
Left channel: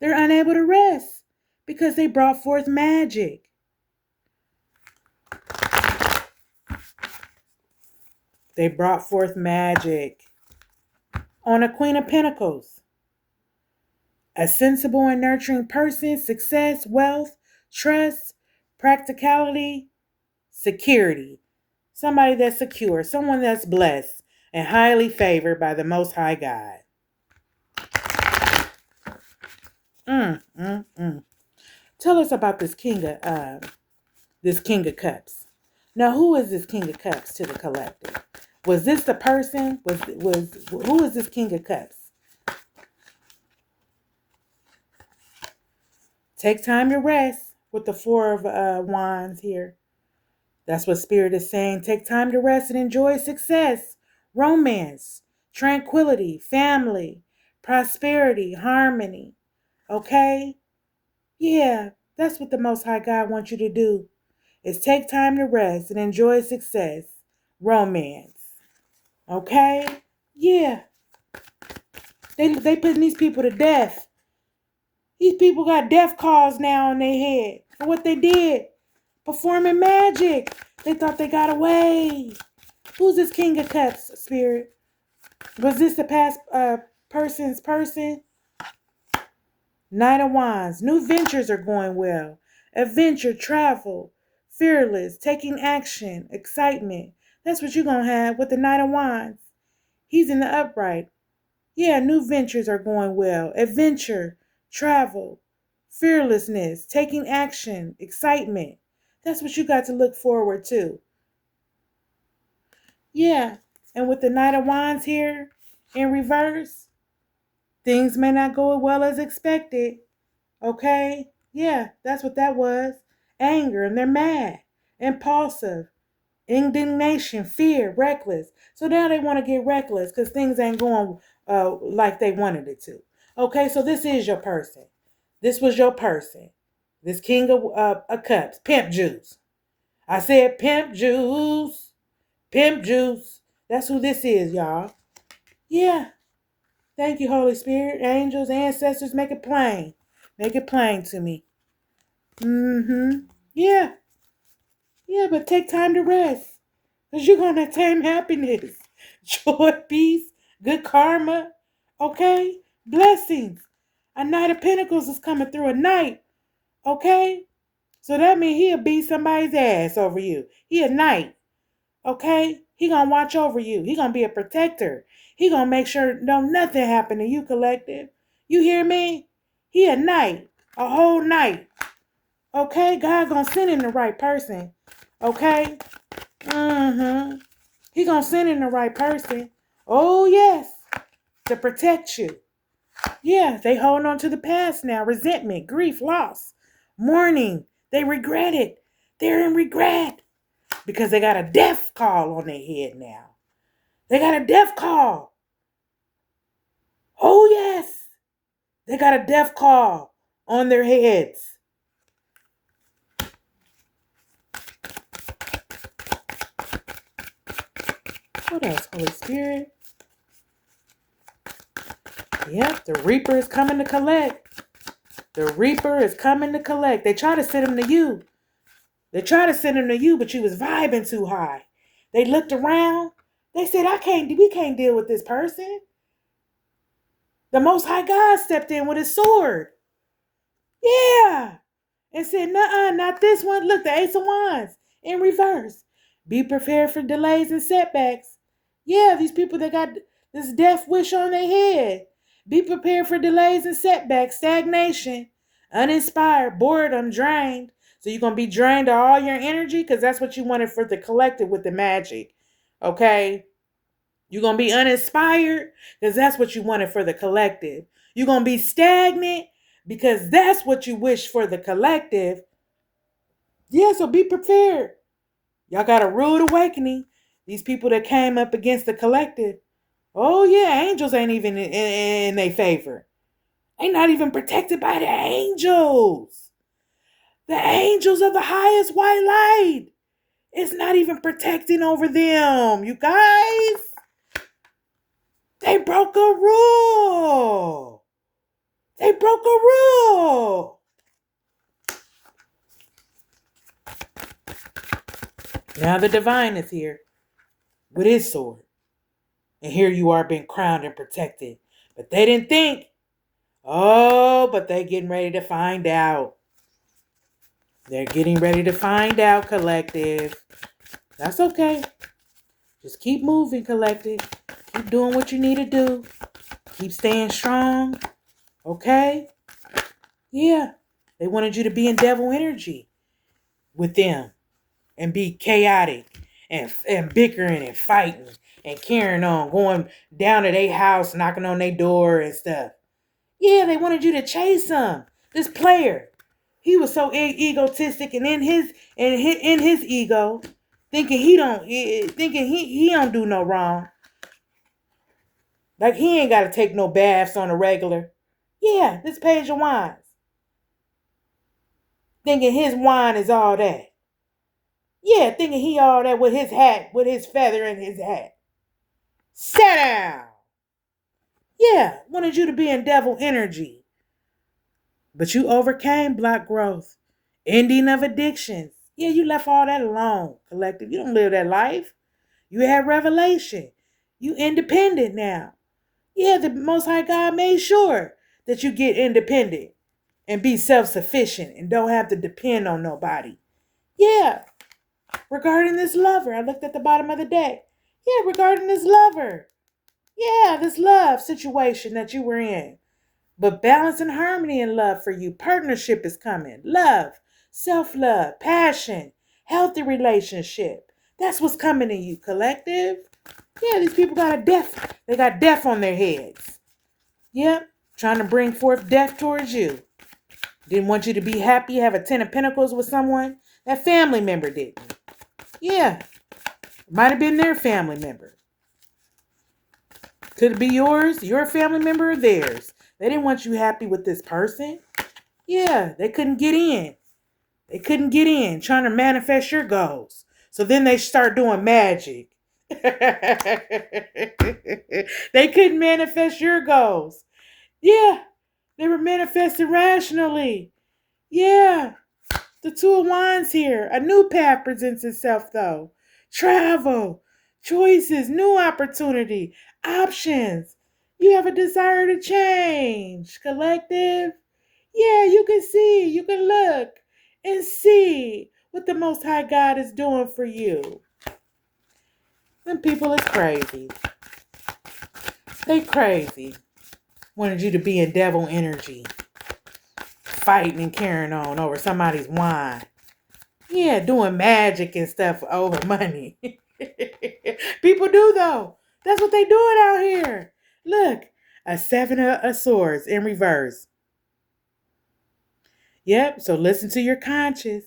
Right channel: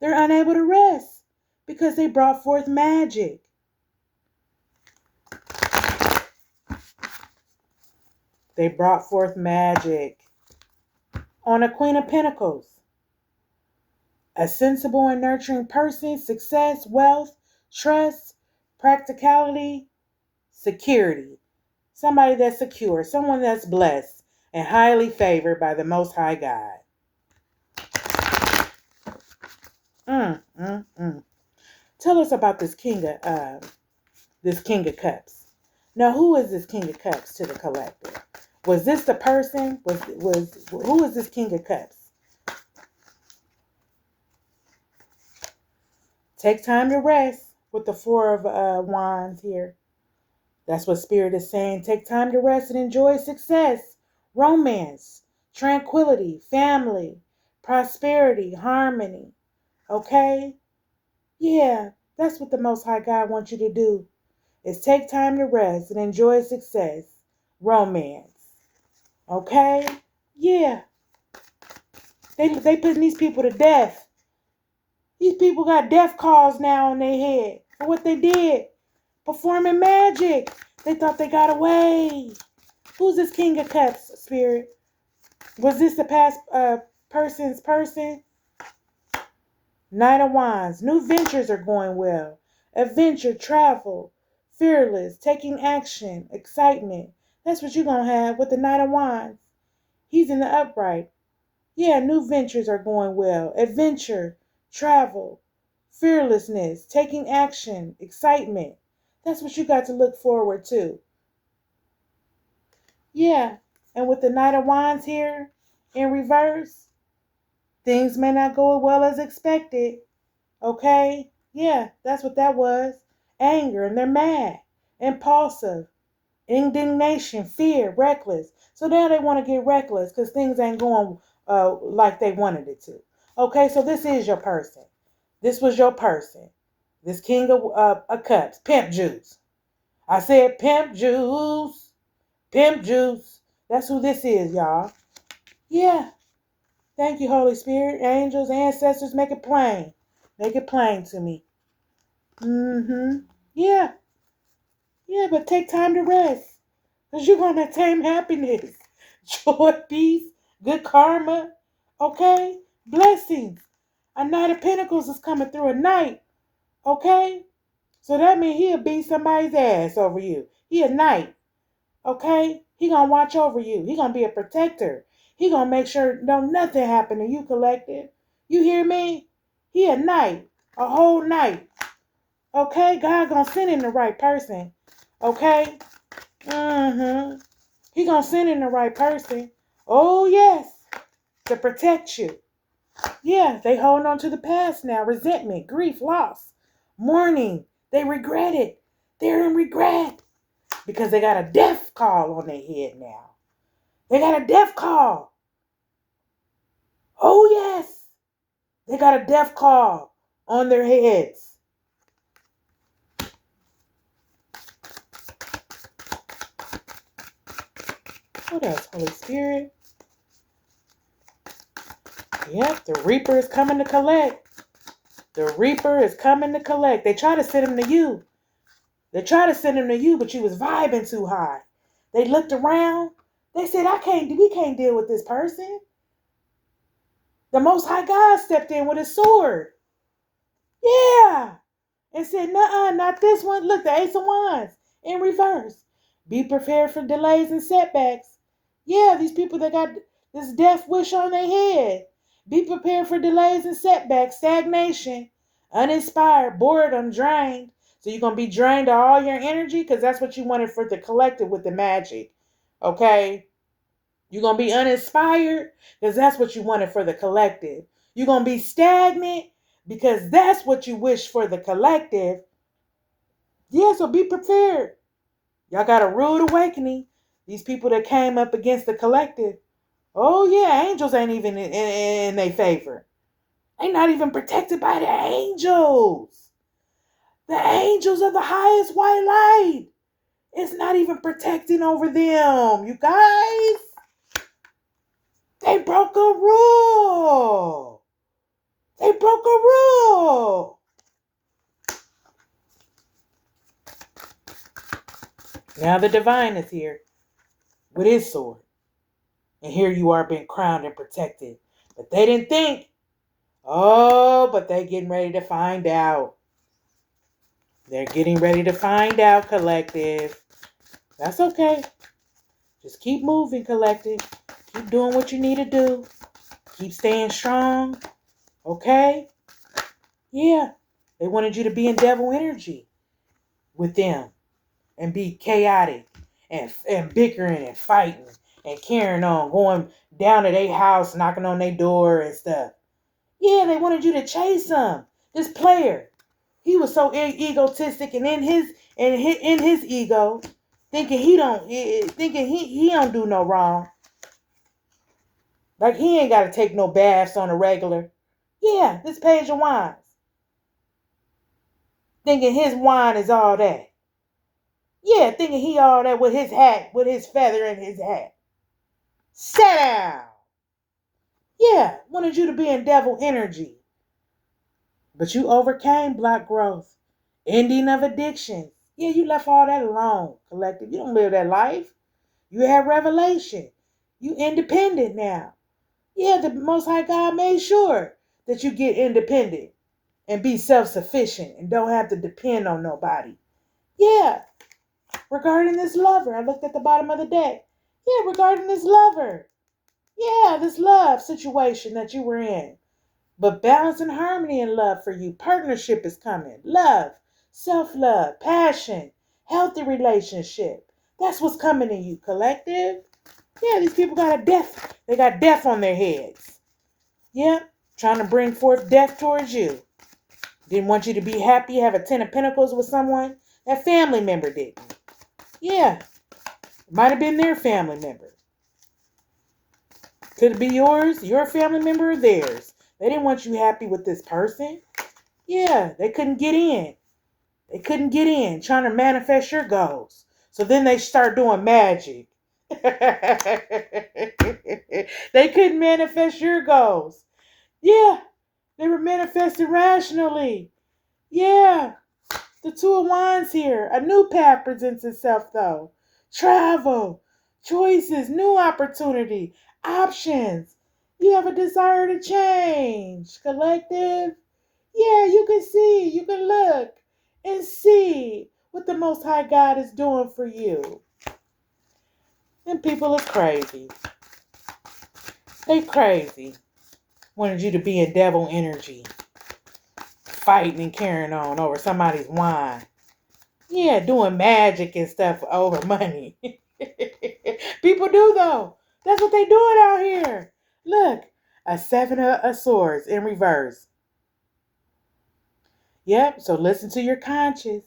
They're unable to rest because they brought forth magic. They brought forth magic. On a Queen of Pentacles. A sensible and nurturing person, success, wealth, trust, practicality, security. Somebody that's secure, someone that's blessed and highly favored by the Most High God. Tell us about this King of Cups. Now, who is this King of Cups to the collective? Was this the person? Who is this King of Cups? Take time to rest with the Four of Wands here. That's what Spirit is saying. Take time to rest and enjoy success, romance, tranquility, family, prosperity, harmony. Okay? Yeah, that's what the Most High God wants you to do, is take time to rest and enjoy success, romance. Okay? Yeah. They putting these people to death. These people got death calls now on their head for what they did. Performing magic. They thought they got away. Who's this King of Cups, Spirit? Was this the past person's person? Knight of Wands. New ventures are going well. Adventure, travel, fearless, taking action, excitement. That's what you're going to have with the Knight of Wands. He's in the upright. Yeah, new ventures are going well. Adventure, travel, fearlessness, taking action, excitement. That's what you got to look forward to. Yeah, and with the Knight of Wands here in reverse, things may not go as well as expected. Okay? Yeah, that's what that was. Anger, and they're mad, impulsive, indignation, fear, reckless. So now they want to get reckless because things ain't going like they wanted it to. Okay, so this is your person. This was your person. This King of Cups, pimp juice. I said pimp juice. Pimp juice. That's who this is, y'all. Yeah. Thank you, Holy Spirit, angels, ancestors. Make it plain. Make it plain to me. Yeah. Yeah, but take time to rest. Because you're going to attain happiness, joy, peace, good karma. Okay? Blessings. A Knight of Pentacles is coming through a night. Okay? So that means he'll beat somebody's ass over you. He a knight. Okay? He gonna watch over you. He gonna be a protector. He gonna make sure don't nothing happen to you, collective. You hear me? He a knight. A whole night. Okay? God gonna send in the right person. Okay? He gonna send in the right person. Oh, yes. To protect you. Yeah, they holding on to the past now. Resentment, grief, loss, mourning. They regret it. They're in regret. Because they got a death call on their head now. They got a death call. Oh, yes. They got a death call on their heads. What else, Holy Spirit? Yep, the Reaper is coming to collect. The Reaper is coming to collect. They try to send him to you. They try to send him to you, but you was vibing too high. They looked around. They said, we can't deal with this person. The Most High God stepped in with his sword. Yeah. And said, nuh-uh, not this one. Look, the Ace of Wands in reverse. Be prepared for delays and setbacks. Yeah, these people that got this death wish on their head. Be prepared for delays and setbacks, stagnation, uninspired, boredom, drained. So you're going to be drained of all your energy because that's what you wanted for the collective with the magic. Okay? You're going to be uninspired because that's what you wanted for the collective. You're going to be stagnant because that's what you wish for the collective. Yeah, so be prepared. Y'all got a rude awakening. These people that came up against the collective. Oh, yeah, angels ain't even in their favor. They not even protected by the angels. The angels of the highest white light. It's not even protecting over them, you guys. They broke a rule. They broke a rule. Now the divine is here with his sword. And here you are being crowned and protected. But they didn't think. Oh, but they getting ready to find out. They're getting ready to find out, collective. That's okay. Just keep moving, collective. Keep doing what you need to do. Keep staying strong. Okay? Yeah. They wanted you to be in devil energy with them. And be chaotic. And bickering and fighting. And carrying on. Going down to their house, knocking on their door and stuff. Yeah, they wanted you to chase him. This player. He was so egotistic and in his ego, thinking he don't do no wrong. Like he ain't got to take no baths on a regular. Yeah, this Page of Wands. Thinking his wine is all that. Yeah, thinking he all that with his hat, with his feather in his hat. Sit down. Yeah, wanted you to be in devil energy. But you overcame black growth. Ending of addictions. Yeah, you left all that alone, collective. You don't live that life. You have revelation. You independent now. Yeah, the Most High God made sure that you get independent and be self-sufficient and don't have to depend on nobody. Yeah. Regarding this lover, I looked at the bottom of the deck. Yeah, regarding this lover. Yeah, this love situation that you were in. But balance and harmony and love for you. Partnership is coming. Love, self-love, passion, healthy relationship. That's what's coming to you, collective. Yeah, these people got a death. They got death on their heads. Yeah, trying to bring forth death towards you. Didn't want you to be happy, have a 10 of Pentacles with someone. That family member didn't. Yeah, it might have been their family member. Could it be yours, your family member, or theirs? They didn't want you happy with this person. Yeah, they couldn't get in. They couldn't get in, trying to manifest your goals. So then they start doing magic. They couldn't manifest your goals. Yeah, they were manifesting rationally. Yeah, the Two of Wands here. A new path presents itself, though. Travel, choices, new opportunity, options. You have a desire to change. Collective. Yeah, you can see, you can look and see what the Most High God is doing for you. Them people is crazy. They crazy. Wanted you to be in devil energy, fighting and carrying on over somebody's wine. Yeah, doing magic and stuff over money. People do, though. That's what they doing out here. Look, a 7 of swords in reverse. Yep, so listen to your conscience.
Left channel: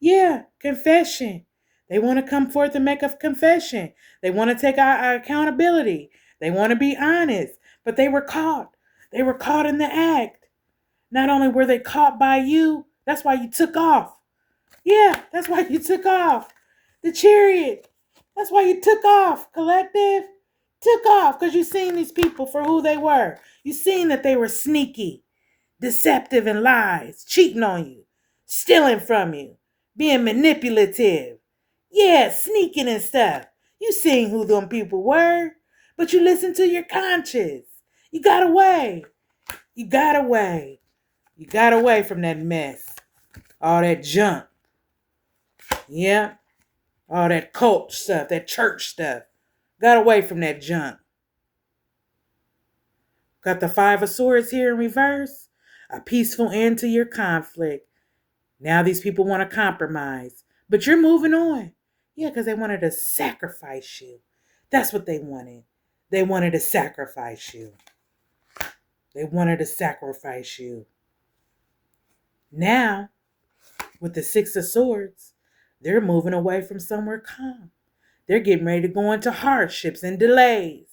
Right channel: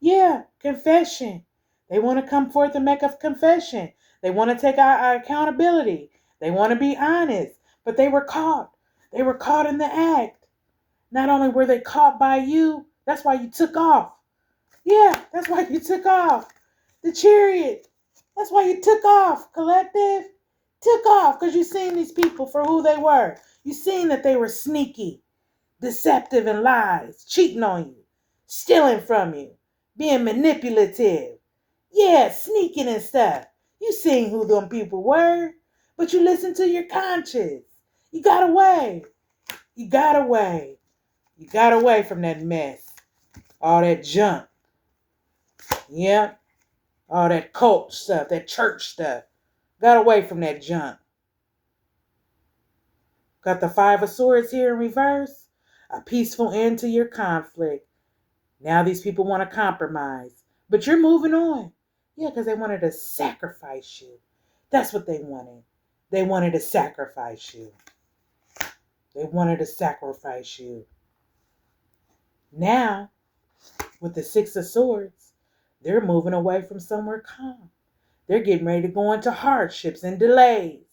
Yeah, confession. They want to come forth and make a confession. They want to take our accountability. They want to be honest. But they were caught. They were caught in the act. Not only were they caught by you, that's why you took off. Yeah, that's why you took off. The Chariot. That's why you took off, collective. Took off because you seen these people for who they were. You seen that they were sneaky, deceptive and lies, cheating on you, stealing from you, being manipulative. Yeah, sneaking and stuff. You seen who them people were, but you listened to your conscience. You got away. You got away. You got away from that mess. All that junk. Yeah. All that cult stuff, that church stuff. Got away from that junk. Got the 5 of Swords here in reverse. A peaceful end to your conflict. Now these people want to compromise. But you're moving on. Yeah, because they wanted to sacrifice you. That's what they wanted. They wanted to sacrifice you. They wanted to sacrifice you. Now, with the 6 of Swords, they're moving away from somewhere calm. They're getting ready to go into hardships and delays.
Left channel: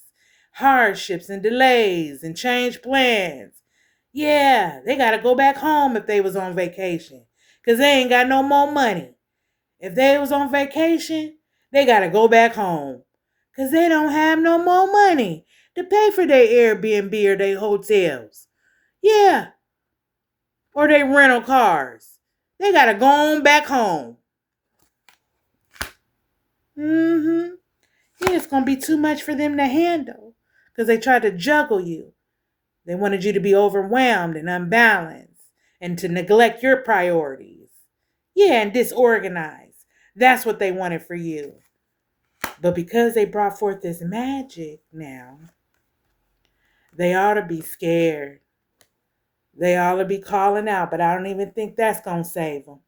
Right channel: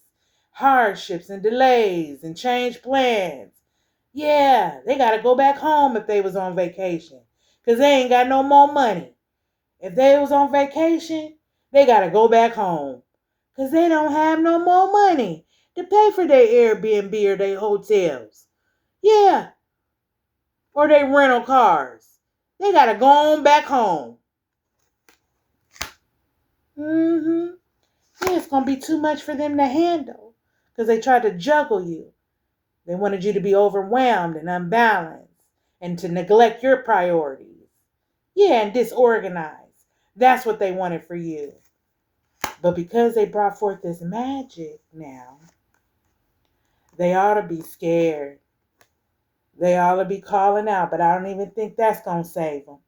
Hardships and delays and change plans. Yeah, they got to go back home if they was on vacation. Because they ain't got no more money. If they was on vacation, they got to go back home. Because they don't have no more money to pay for their Airbnb or their hotels. Yeah. Or their rental cars. They got to go on back home. Mm-hmm. Yeah, it's going to be too much for them to handle. Because they tried to juggle you. They wanted you to be overwhelmed and unbalanced. And to neglect your priorities. Yeah, and disorganized. That's what they wanted for you. But because they brought forth this magic now, they ought to be scared. They ought to be calling out, but I don't even think that's going to save them.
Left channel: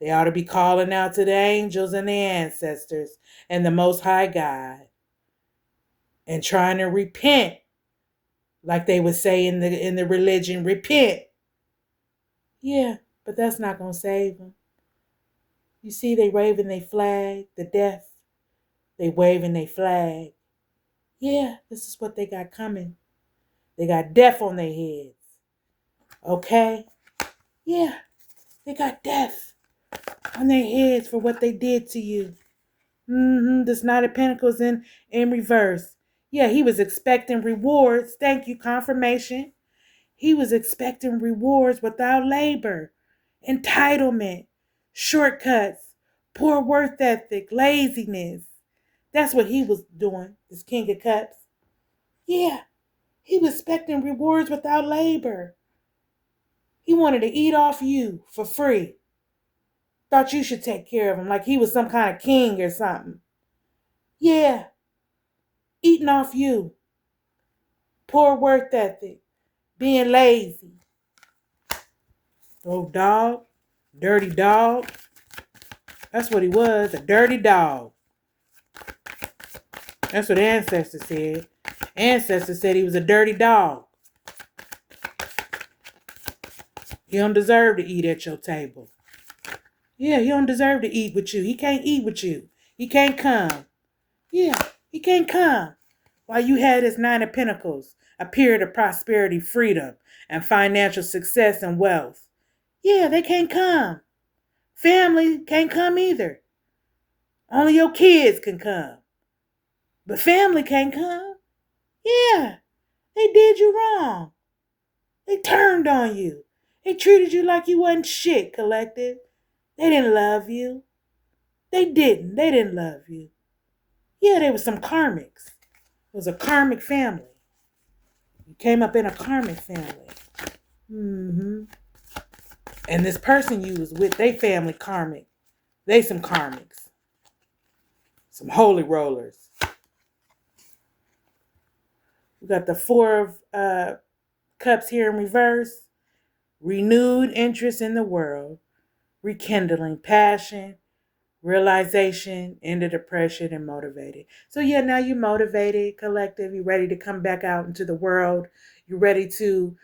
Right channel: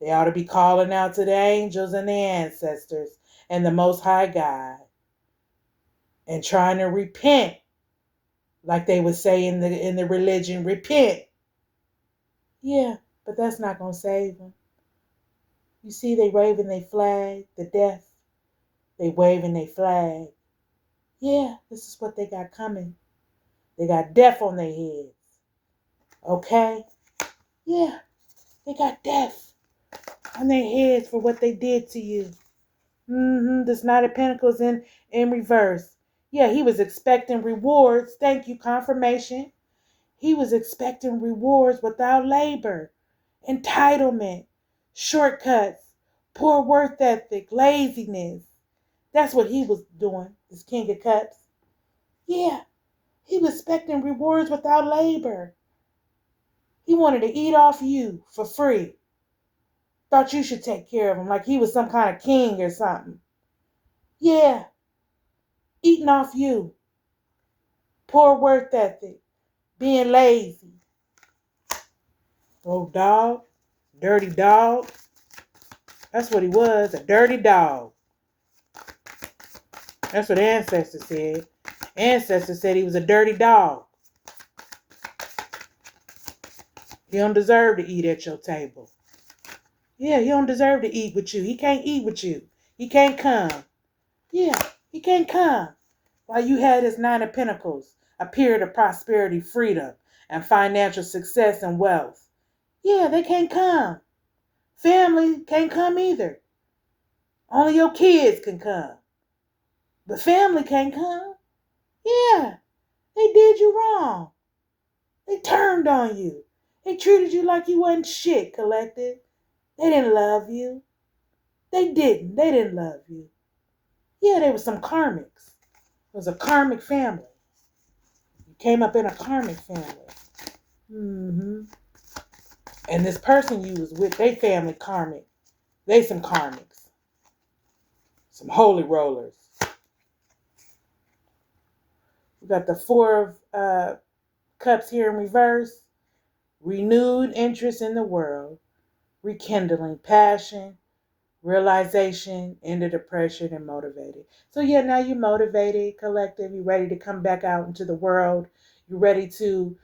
They ought to be calling out to the angels and the ancestors and the Most High God and trying to repent, like they would say in the religion, repent. Yeah, but that's not going to save them. You see, they waving their flag, the death. They waving their flag. Yeah, this is what they got coming. They got death on their heads. Okay? Yeah, they got death on their heads for what they did to you. This Knight of Pentacles in reverse. Yeah, he was expecting rewards. Thank you, confirmation. He was expecting rewards without labor, entitlement, shortcuts, poor work ethic, laziness. That's what he was doing, this King of Cups. Yeah, he was expecting rewards without labor. He wanted to eat off you for free. Thought you should take care of him like he was some kind of king or something. Yeah, eating off you. Poor work ethic. Being lazy. Oh, dog. Dirty dog. That's what he was, a dirty dog. That's what ancestors said. Ancestors said he was a dirty dog. He don't deserve to eat at your table. Yeah, he don't deserve to eat with you. He can't eat with you. He can't come. Yeah, he can't come. While you had this 9 of Pentacles, a period of prosperity, freedom, and financial success and wealth. Yeah, they can't come. Family can't come either. Only your kids can come. But family can't come. Yeah, they did you wrong. They turned on you. They treated you like you wasn't shit, collective. They didn't love you. They didn't. They didn't love you. Yeah, they were some karmics. It was a karmic family. You came up in a karmic family. Mm-hmm. And this person you was with, they family karmic. They some karmics. Some holy rollers. We got the Four of Cups here in reverse. Renewed interest in the world. Rekindling passion. Realization, into depression, and motivated. So yeah, now you're motivated, collective. You're ready to come back out into the world. You're ready to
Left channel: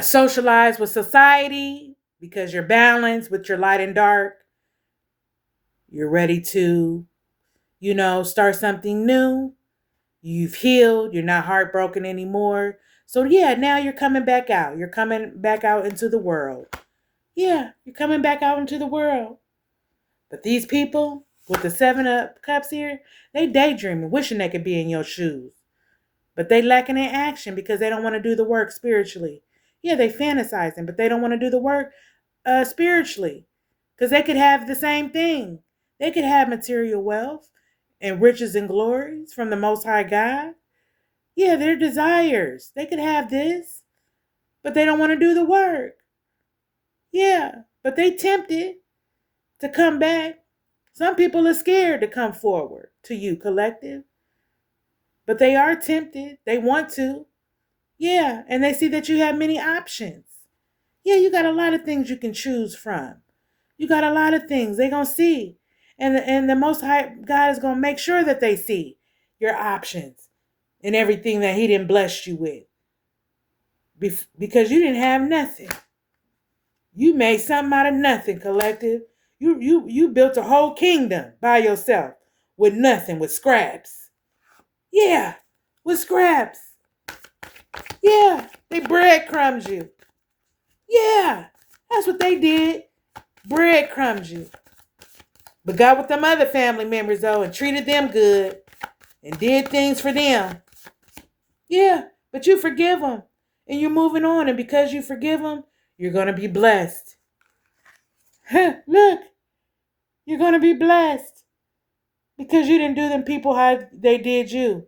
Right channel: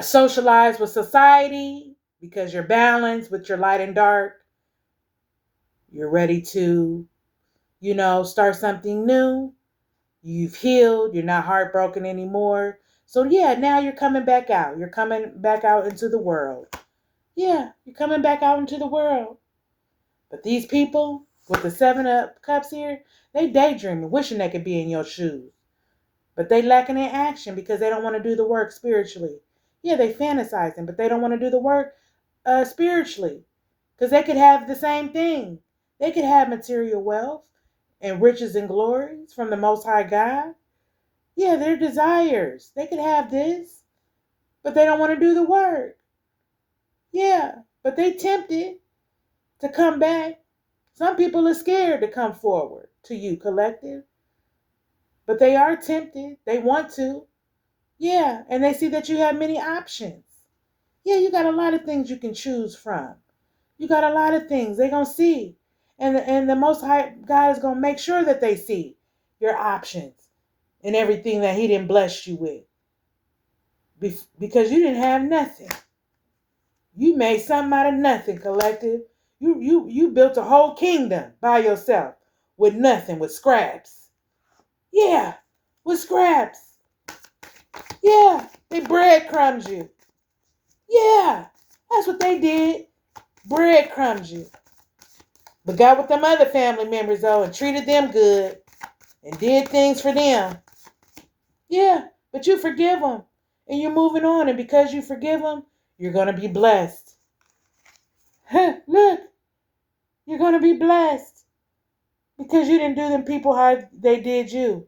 socialize with society because you're balanced with your light and dark. You're ready to, start something new. You've healed. You're not heartbroken anymore. So yeah, now you're coming back out. You're coming back out into the world. Yeah, you're coming back out into the world. But these people with the 7 of Cups here, they daydreaming, wishing they could be in your shoes. But they lacking in action because they don't want to do the work spiritually. Yeah, they fantasizing, but they don't want to do the work spiritually. Because they could have the same thing. They could have material wealth and riches and glories from the Most High God. Yeah, their desires. They could have this, but they don't want to do the work. Yeah, but they tempted to come back. Some people are scared to come forward to you, collective. But they are tempted. They want to. Yeah, and they see that you have many options. Yeah, you got a lot of things you can choose from. You got a lot of things they're going to see. And the Most High God is going to make sure that they see your options and everything that He didn't bless you with. Because you didn't have nothing. You made something out of nothing, collective. You built a whole kingdom by yourself with nothing, with scraps. Yeah, with scraps. Yeah, they breadcrumbs you. Yeah, that's what they did. Breadcrumbs you. But got with them other family members though and treated them good and did things for them. Yeah, but you forgive them and you're moving on. And because you forgive them, you're going to be blessed. Look, you're going to be blessed because you didn't do them people how they did you.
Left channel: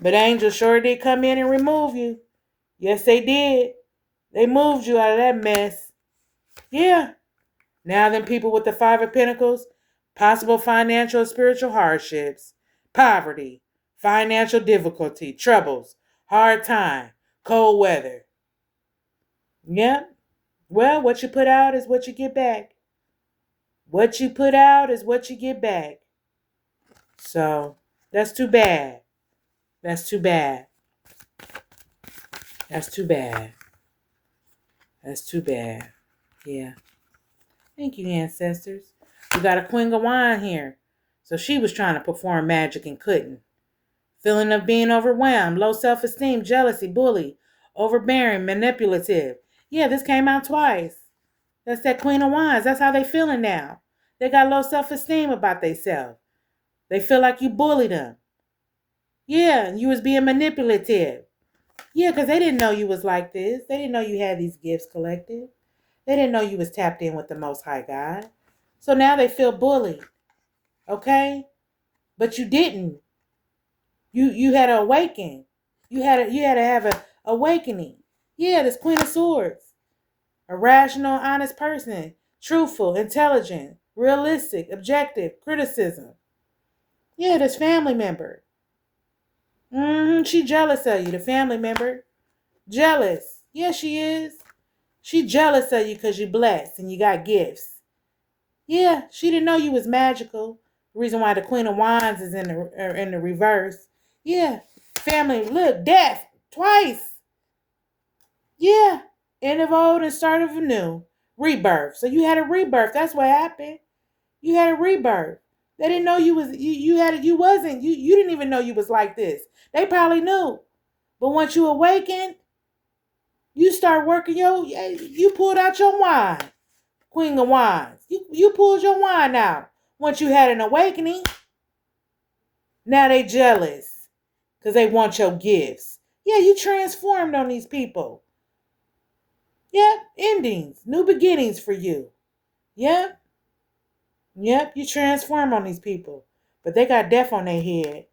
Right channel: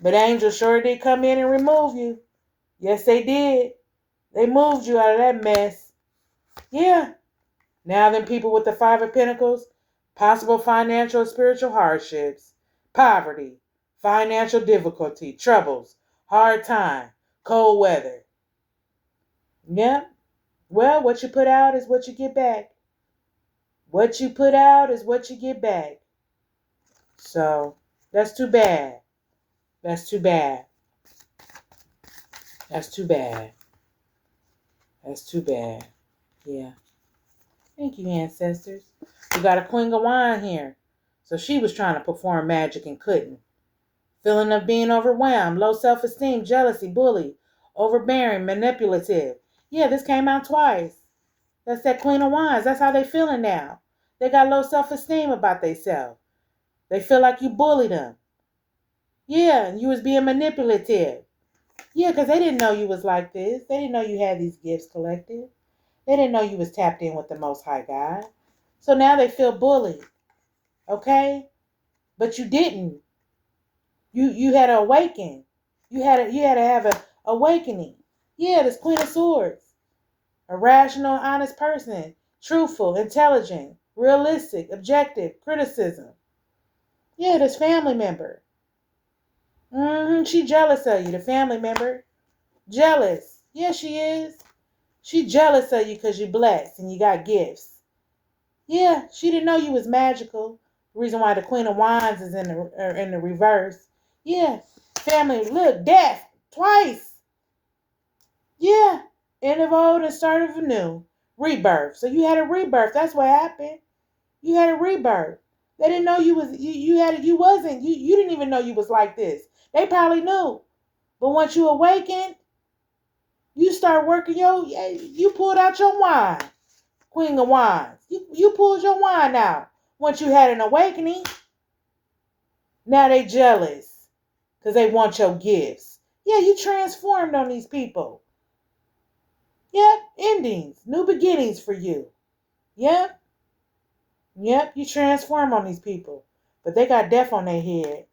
But angels sure did come in and remove you. Yes, they did. They moved you out of that mess. Yeah. Now then people with the 5 of Pentacles, possible financial or spiritual hardships, poverty, financial difficulty, troubles, hard time, cold weather. Yeah. Well, what you put out is what you get back. What you put out is what you get back. So that's too bad. That's too bad. That's too bad. That's too bad. Yeah. Thank you, ancestors. We got a Queen of Wine here. So she was trying to perform magic and couldn't. Feeling of being overwhelmed, low self-esteem, jealousy, bully, overbearing, manipulative. Yeah, this came out twice. That's that Queen of Wands. That's how they feeling now. They got low self-esteem about themselves. They feel like you bullied them. Yeah, you was being manipulative. Yeah, because they didn't know you was like this. They didn't know you had these gifts collected. They didn't know you was tapped in with the Most High God. So now they feel bullied. Okay? But you didn't. You had to awaken. You had to have a awakening. Yeah, this Queen of Swords. A rational, honest person. Truthful, intelligent, realistic, objective, criticism. Yeah, this family member. She jealous of you, the family member. Jealous. Yeah, she is. She jealous of you because you're blessed and you got gifts. Yeah, she didn't know you was magical. The reason why the Queen of Wands is in the reverse. Yeah, family. Look, death twice. Yeah, end of old and start of new. Rebirth. So you had a rebirth. That's what happened. You had a rebirth. They didn't know you was you wasn't you didn't even know you was like this. They probably knew, but once you awakened, You start working you pulled out your wine. Queen of Wands. You pulled your wine out. Once you had an awakening, now they jealous because they want your gifts. Yeah, you transformed on these people. Yep, endings, new beginnings for you. Yep, yep, you transform on these people. But they got death on their head.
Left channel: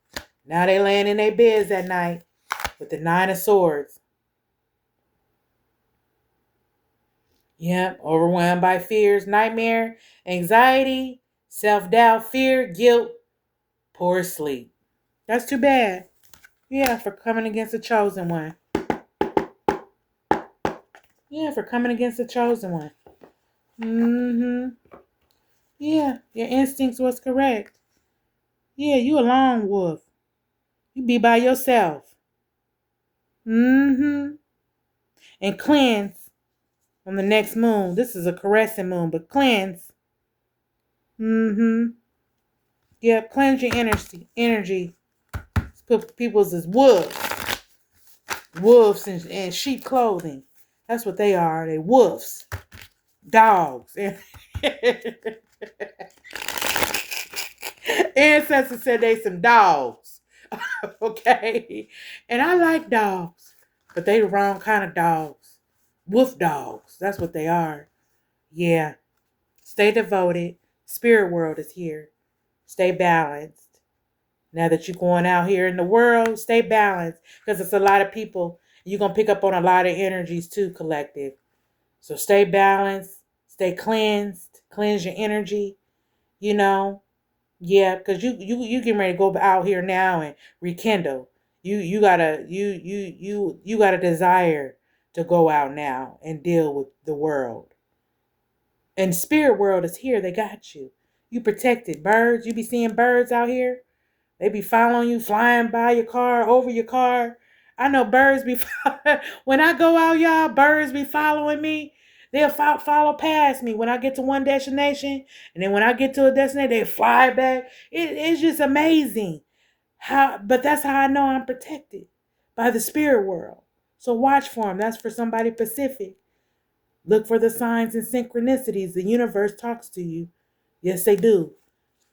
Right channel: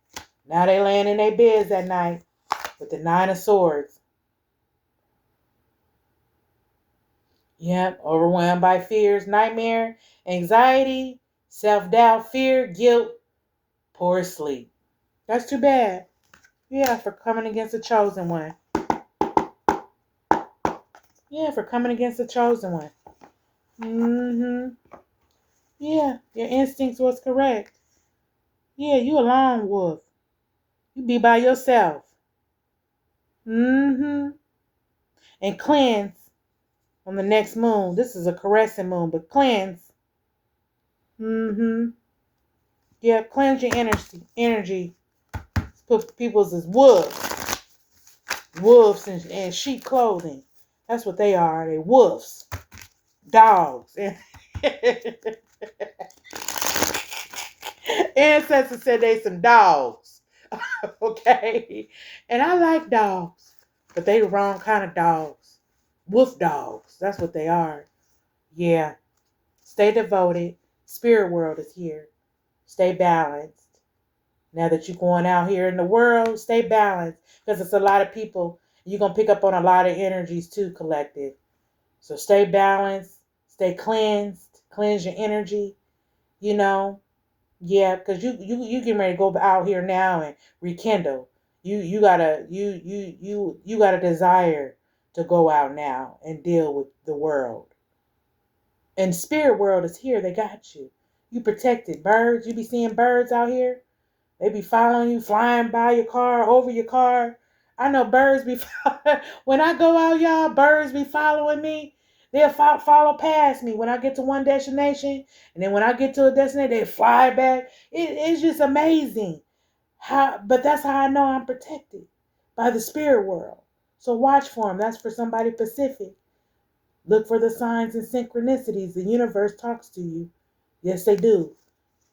Now they laying in their beds at night with the 9 of Swords. Yep, overwhelmed by fears, nightmare, anxiety, self-doubt, fear, guilt, poor sleep. That's too bad. Yeah, for coming against the chosen one. Yeah, for coming against the chosen one. Mm-hmm. Yeah, your instincts was correct. Yeah, you a lone wolf. You be by yourself. Mm-hmm. And cleanse on the next moon. This is a caressing moon, but cleanse. Mm-hmm. Yeah, cleanse your energy. Put people's as wolves. Wolves in sheep clothing. That's what they are. They wolves. Dogs. Ancestors said they some dogs. Okay? And I like dogs. But they the wrong kind of dogs. Wolf dogs. That's what they are. Yeah. Stay devoted. Spirit world is here. Stay balanced. Now that you're going out here in the world, stay balanced. Because it's a lot of people. You're going to pick up on a lot of energies too, collective. So stay balanced. Stay cleansed. Cleanse your energy. You know. Yeah, because you getting ready to go out here now and rekindle. You gotta you got a desire to go out now and deal with the world. And spirit world is here. They got you. You protected. Birds. You be seeing birds out here. They be following you, flying by your car, over your car. I know birds be when I go out, y'all, birds be following me. They'll follow past me when I get to one destination, and then when I get to a destination, they fly back. It's just amazing but that's how I know I'm protected by the spirit world. So watch for them. That's for somebody Pacific. Look for the signs and synchronicities. The universe talks to you. Yes, they do,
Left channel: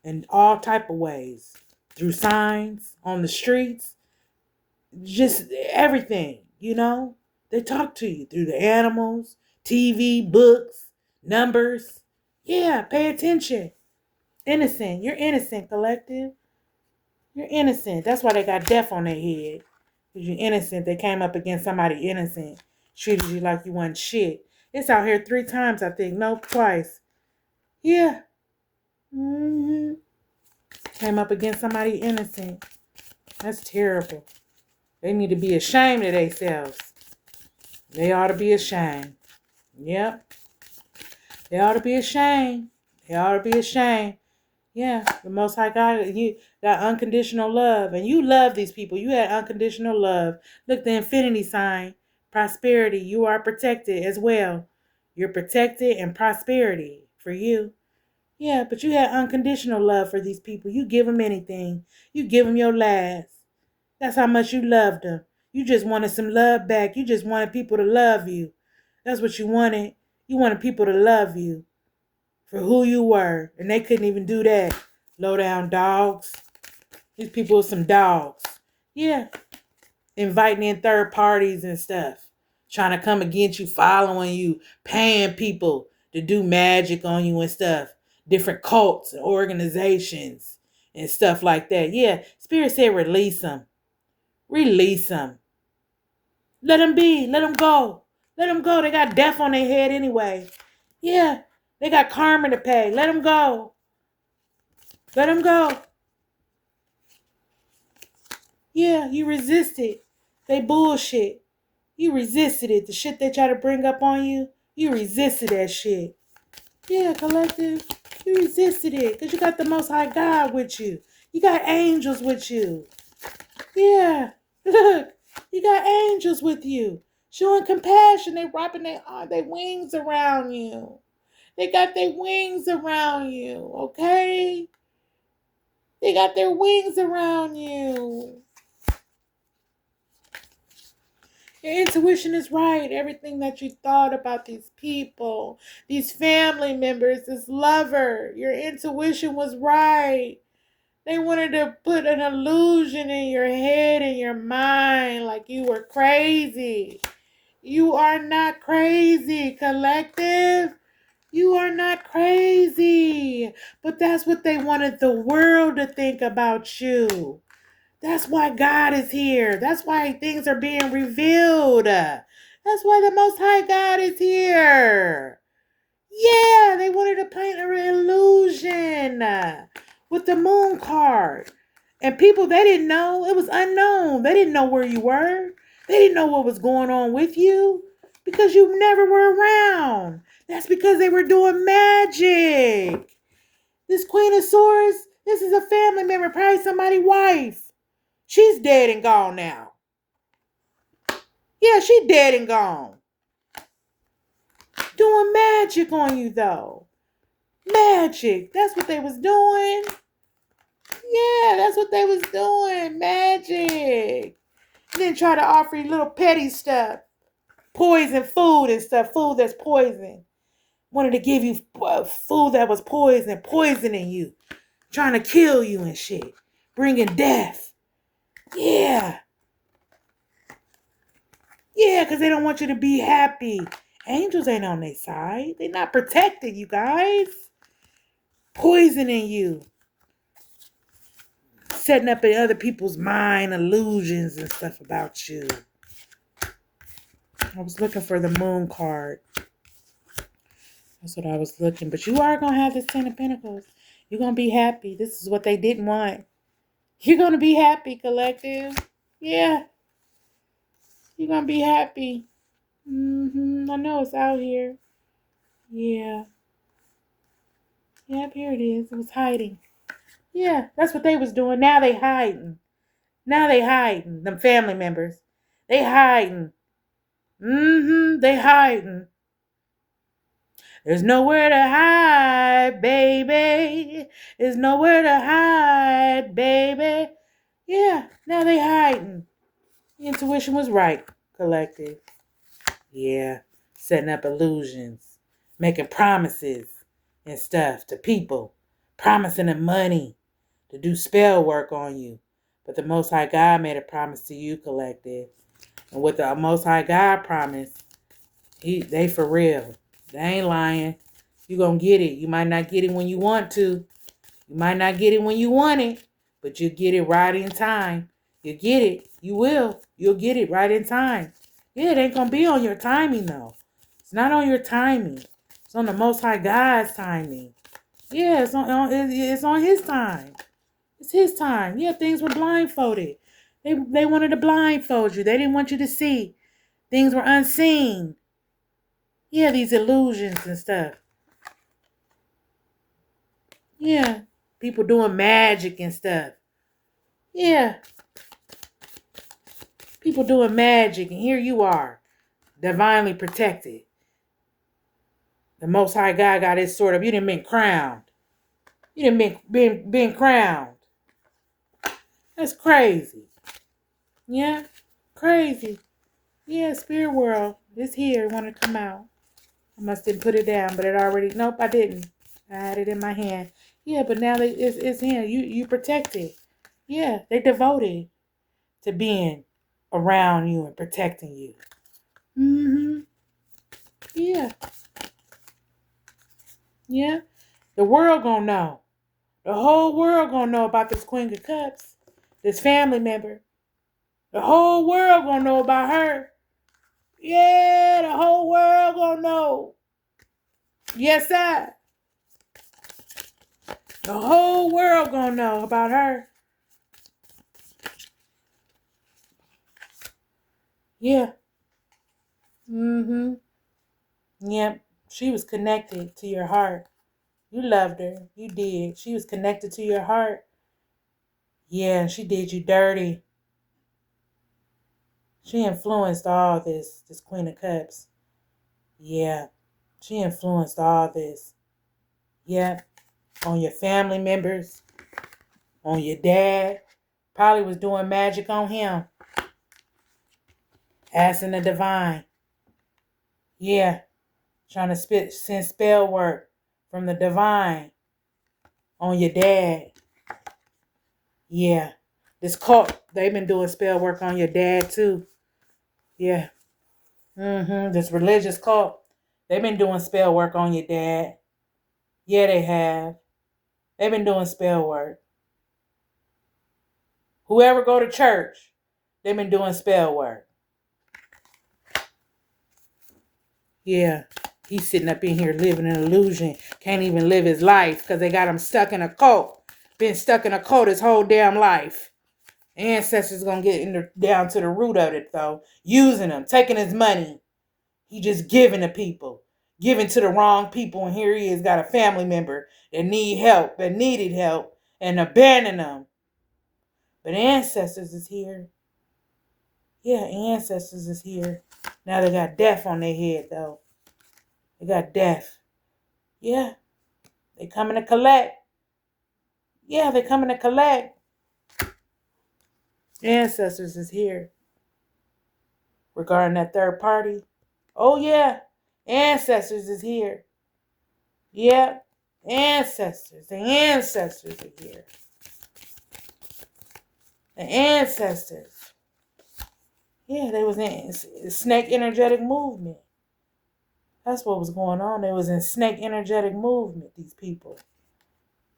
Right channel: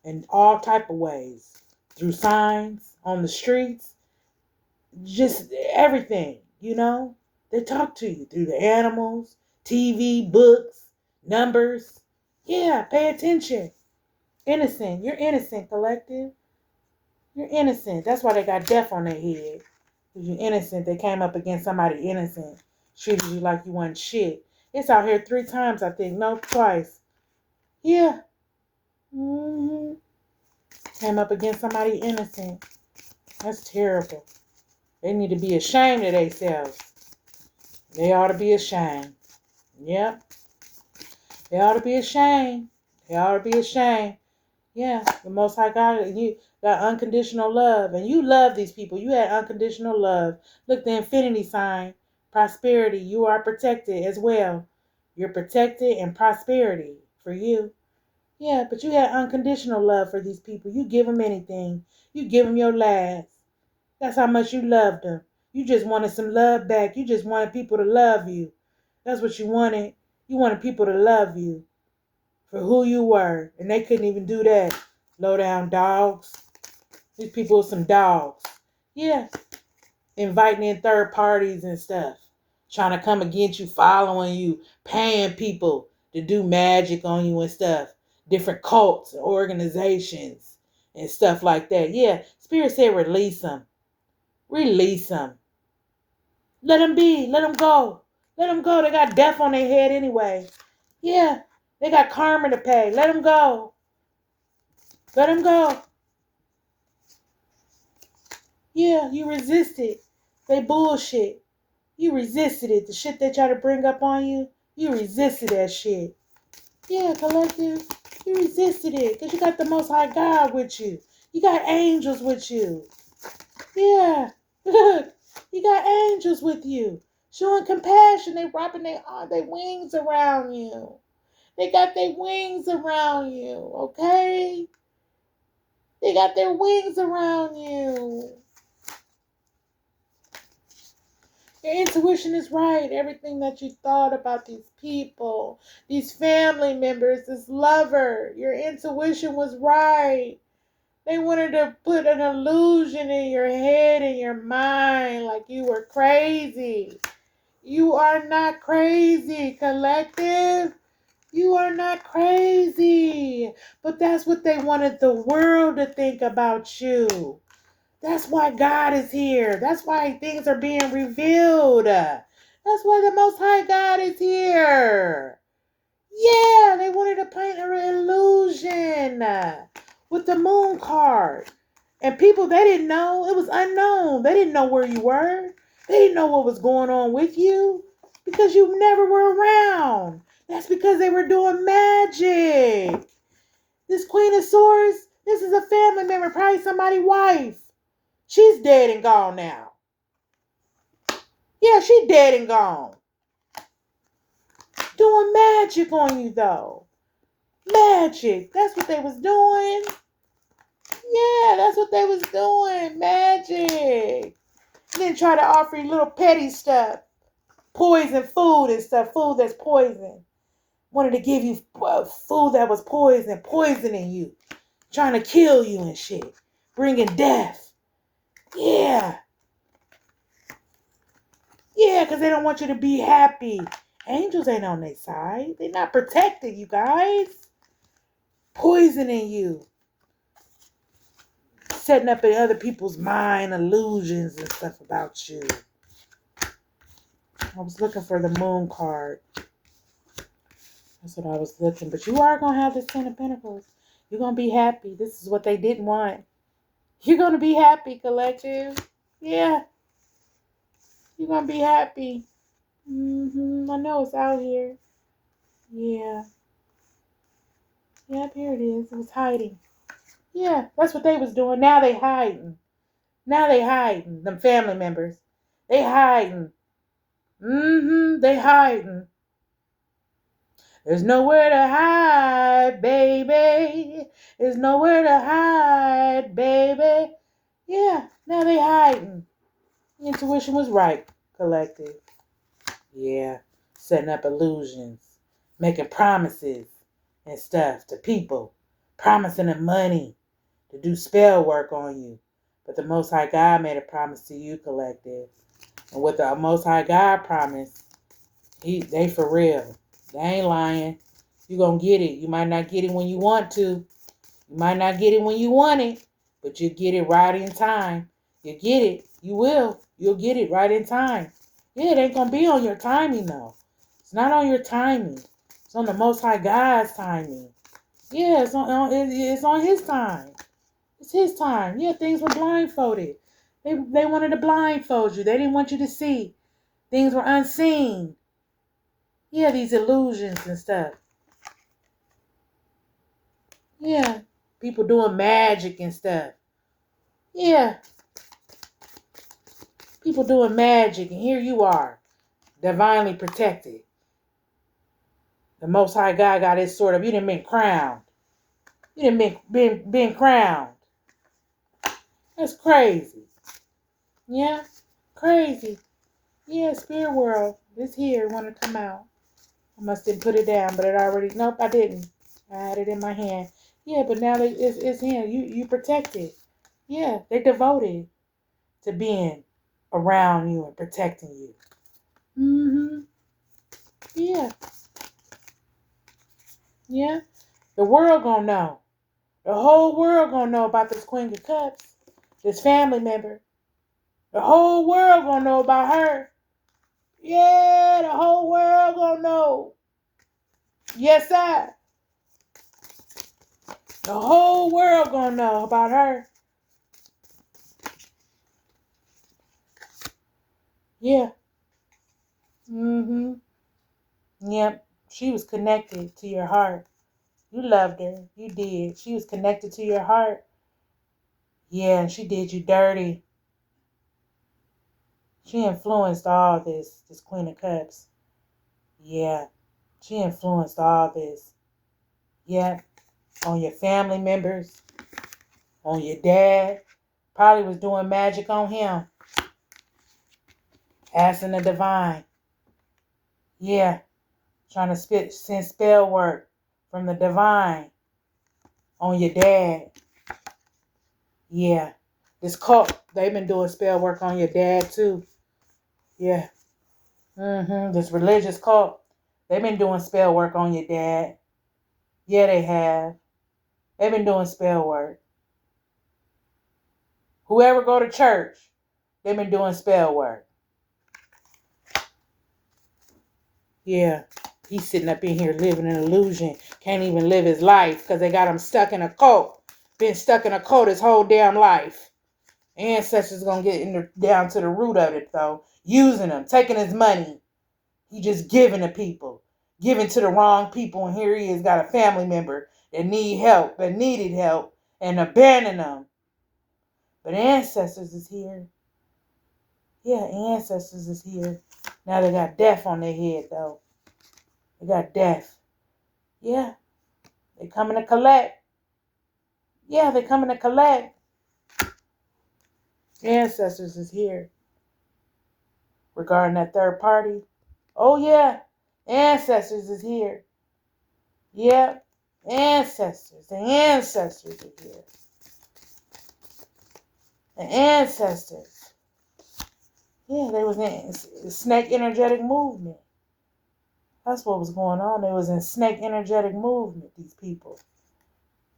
in all type of ways, through signs on the streets, just everything, they talk to you through the animals, TV, books, numbers. Yeah, pay attention. Innocent. You're innocent, collective. You're innocent. That's why they got death on their head, because you're innocent. They came up against somebody innocent, treated you like you wasn't shit. It's out here 3 times, I think. No, twice. Yeah. Mm-hmm. Came up against somebody innocent. That's terrible. They need to be ashamed of themselves. They ought to be ashamed. Yep. They ought to be ashamed. They ought to be ashamed. Yeah. The Most High God, you got unconditional love. And you love these people. You had unconditional love. Look, the infinity sign. Prosperity. You are protected as well. You're protected and prosperity for you. Yeah, but you had unconditional love for these people. You give them anything. You give them your last. That's how much you loved them. You just wanted some love back. You just wanted people to love you. That's what you wanted. You wanted people to love you for who you were. And they couldn't even do that. Low down dogs. These people are some dogs. Yeah. Inviting in third parties and stuff. Trying to come against you, following you, paying people to do magic on you and stuff. Different cults and organizations and stuff like that. Yeah. Spirit said release them. Release them. Let them be. Let them go. Let them go. They got death on their head anyway. Yeah. They got karma to pay. Let them go. Let them go. Yeah, you resisted. They bullshit. You resisted it. The shit they try to bring up on you, you resisted that shit. Yeah, collective. You resisted it because you got the Most High God with you. You got angels with you. Yeah. Look, you got angels with you. Showing compassion. They wrapping their wings around you. They got their wings around you, okay? They got their wings around you. Your intuition is right. Everything that you thought about these people, these family members, this lover, your intuition was right. They wanted to put an illusion in your head and your mind like you were crazy. You are not crazy, collective. You are not crazy. But that's what they wanted the world to think about you. That's why God is here. That's why things are being revealed. That's why the Most High God is here. Yeah, they wanted to paint an illusion with the moon card. And people, they didn't know. It was unknown. They didn't know where you were. They didn't know what was going on with you because you never were around. That's because they were doing magic. This Queen of Swords, this is a family member, probably somebody's wife. She's dead and gone now. Yeah, she dead and gone. Doing magic on you though. Magic. That's what they was doing. Yeah, that's what they was doing. Magic. And then try to offer you little petty stuff. Poison food and stuff. Food that's poison. Wanted to give you food that was poison. Poisoning you. Trying to kill you and shit. Bringing death. Yeah. Yeah, because they don't want you to be happy. Angels ain't on their side. They're not protected, you guys. Poisoning you. Setting up in other people's mind illusions and stuff about you. I was looking for the moon card. That's what I was looking. But you are going to have this 10 of Pentacles. You're going to be happy. This is what they didn't want. You're going to be happy, collective. Yeah. You're going to be happy. I know it's out here. Yeah. Yep, here it is. It was hiding. Yeah, that's what they was doing. Now they hiding. Them family members. They hiding. They hiding. There's nowhere to hide, baby. There's nowhere to hide, baby. Yeah, now they hiding. Intuition was right, collective. Yeah, setting up illusions, making promises and stuff to people, promising them money to do spell work on you. But the Most High God made a promise to you, collective. And what the Most High God promised, they for real. They ain't lying. You gonna get it. You might not get it when you want to. You might not get it when you want it, but you get it right in time. You get it. You will. You'll get it right in time. Yeah, it ain't gonna be on your timing though. It's not on your timing. It's on the Most High God's timing. Yeah, it's on His time. It's His time. Yeah, things were blindfolded. They wanted to blindfold you. They didn't want you to see. Things were unseen. Yeah, these illusions and stuff. Yeah, people doing magic and stuff. Yeah, people doing magic, and here you are, divinely protected. The Most High God got His sword up. You done been crowned. You done been crowned. That's crazy. Yeah, crazy. Yeah, spirit world is here. Want to come out? I must didn't put it down, but it already. Nope, I didn't. I had it in my hand. Yeah, but now it's in. You protected. Yeah, they devoted to being around you and protecting you. Yeah. Yeah. The world gonna know. The whole world gonna know about this Queen of Cups, this family member. The whole world gonna know about her. Yeah, the whole world gonna know. Yes, I. The whole world gonna know about her. Yeah. Yep. She was connected to your heart. You loved her. You did. She was connected to your heart. Yeah, and she did you dirty. She influenced all this Queen of Cups. Yeah. She influenced all this. Yeah. On your family members. On your dad. Probably was doing magic on him. Asking the divine. Yeah. Trying to send spell work from the divine on your dad. Yeah. This cult, they've been doing spell work on your dad too. Yeah. This religious cult, they've been doing spell work on your dad. Yeah, they have. They've been doing spell work. Whoever go to church, they've been doing spell work. Yeah. He's sitting up in here living an illusion. Can't even live his life because they got him stuck in a cult. Been stuck in a cult his whole damn life. Ancestors gonna get down to the root of it though. Using him, taking his money. He just giving to people. Giving to the wrong people. And here he is, got a family member that needed help, and abandoned them. But ancestors is here. Yeah, ancestors is here. Now they got death on their head though. They got death. Yeah. They coming to collect. Yeah, they coming to collect. Ancestors is here. Regarding that third party. Oh yeah. Ancestors is here. Yep. Ancestors. The ancestors are here. The ancestors. Yeah, they was in snake energetic movement. That's what was going on. They was in snake energetic movement, these people.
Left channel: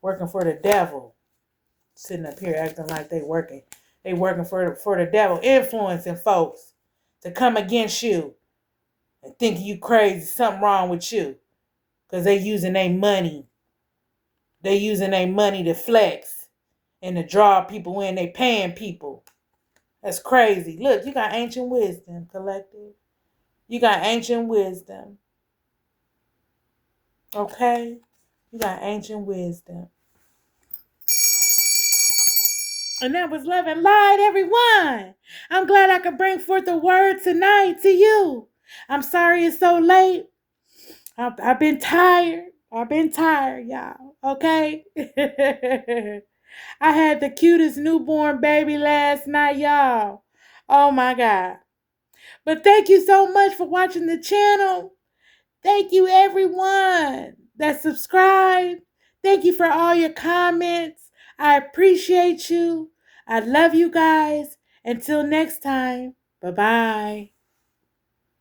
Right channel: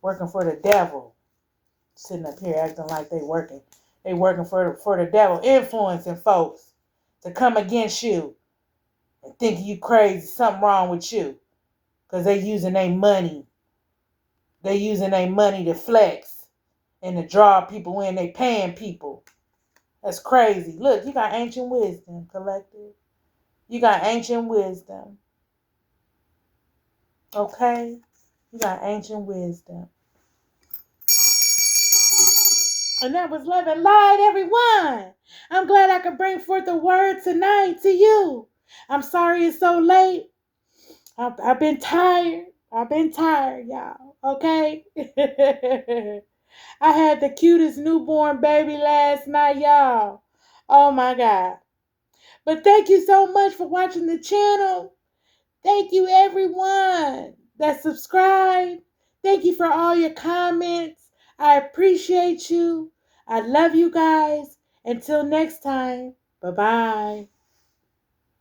Working for the devil. Sitting up here acting like they working. They working for the devil. Influencing folks to come against you. And think you crazy. Something wrong with you. Because they using their money. They using their money to flex. And to draw people in. They paying people. That's crazy. Look, you got ancient wisdom, collective. You got ancient wisdom. Okay? You got ancient wisdom. And that was Love and Light, everyone. I'm glad I could bring forth a word tonight to you. I'm sorry it's so late. I've been tired. Y'all. Okay? I had the cutest newborn baby last night, y'all. Oh my God. But thank you so much for watching the channel. Thank you, everyone that subscribed. Thank you for all your comments. I appreciate you. I love you guys. Until next time, bye-bye.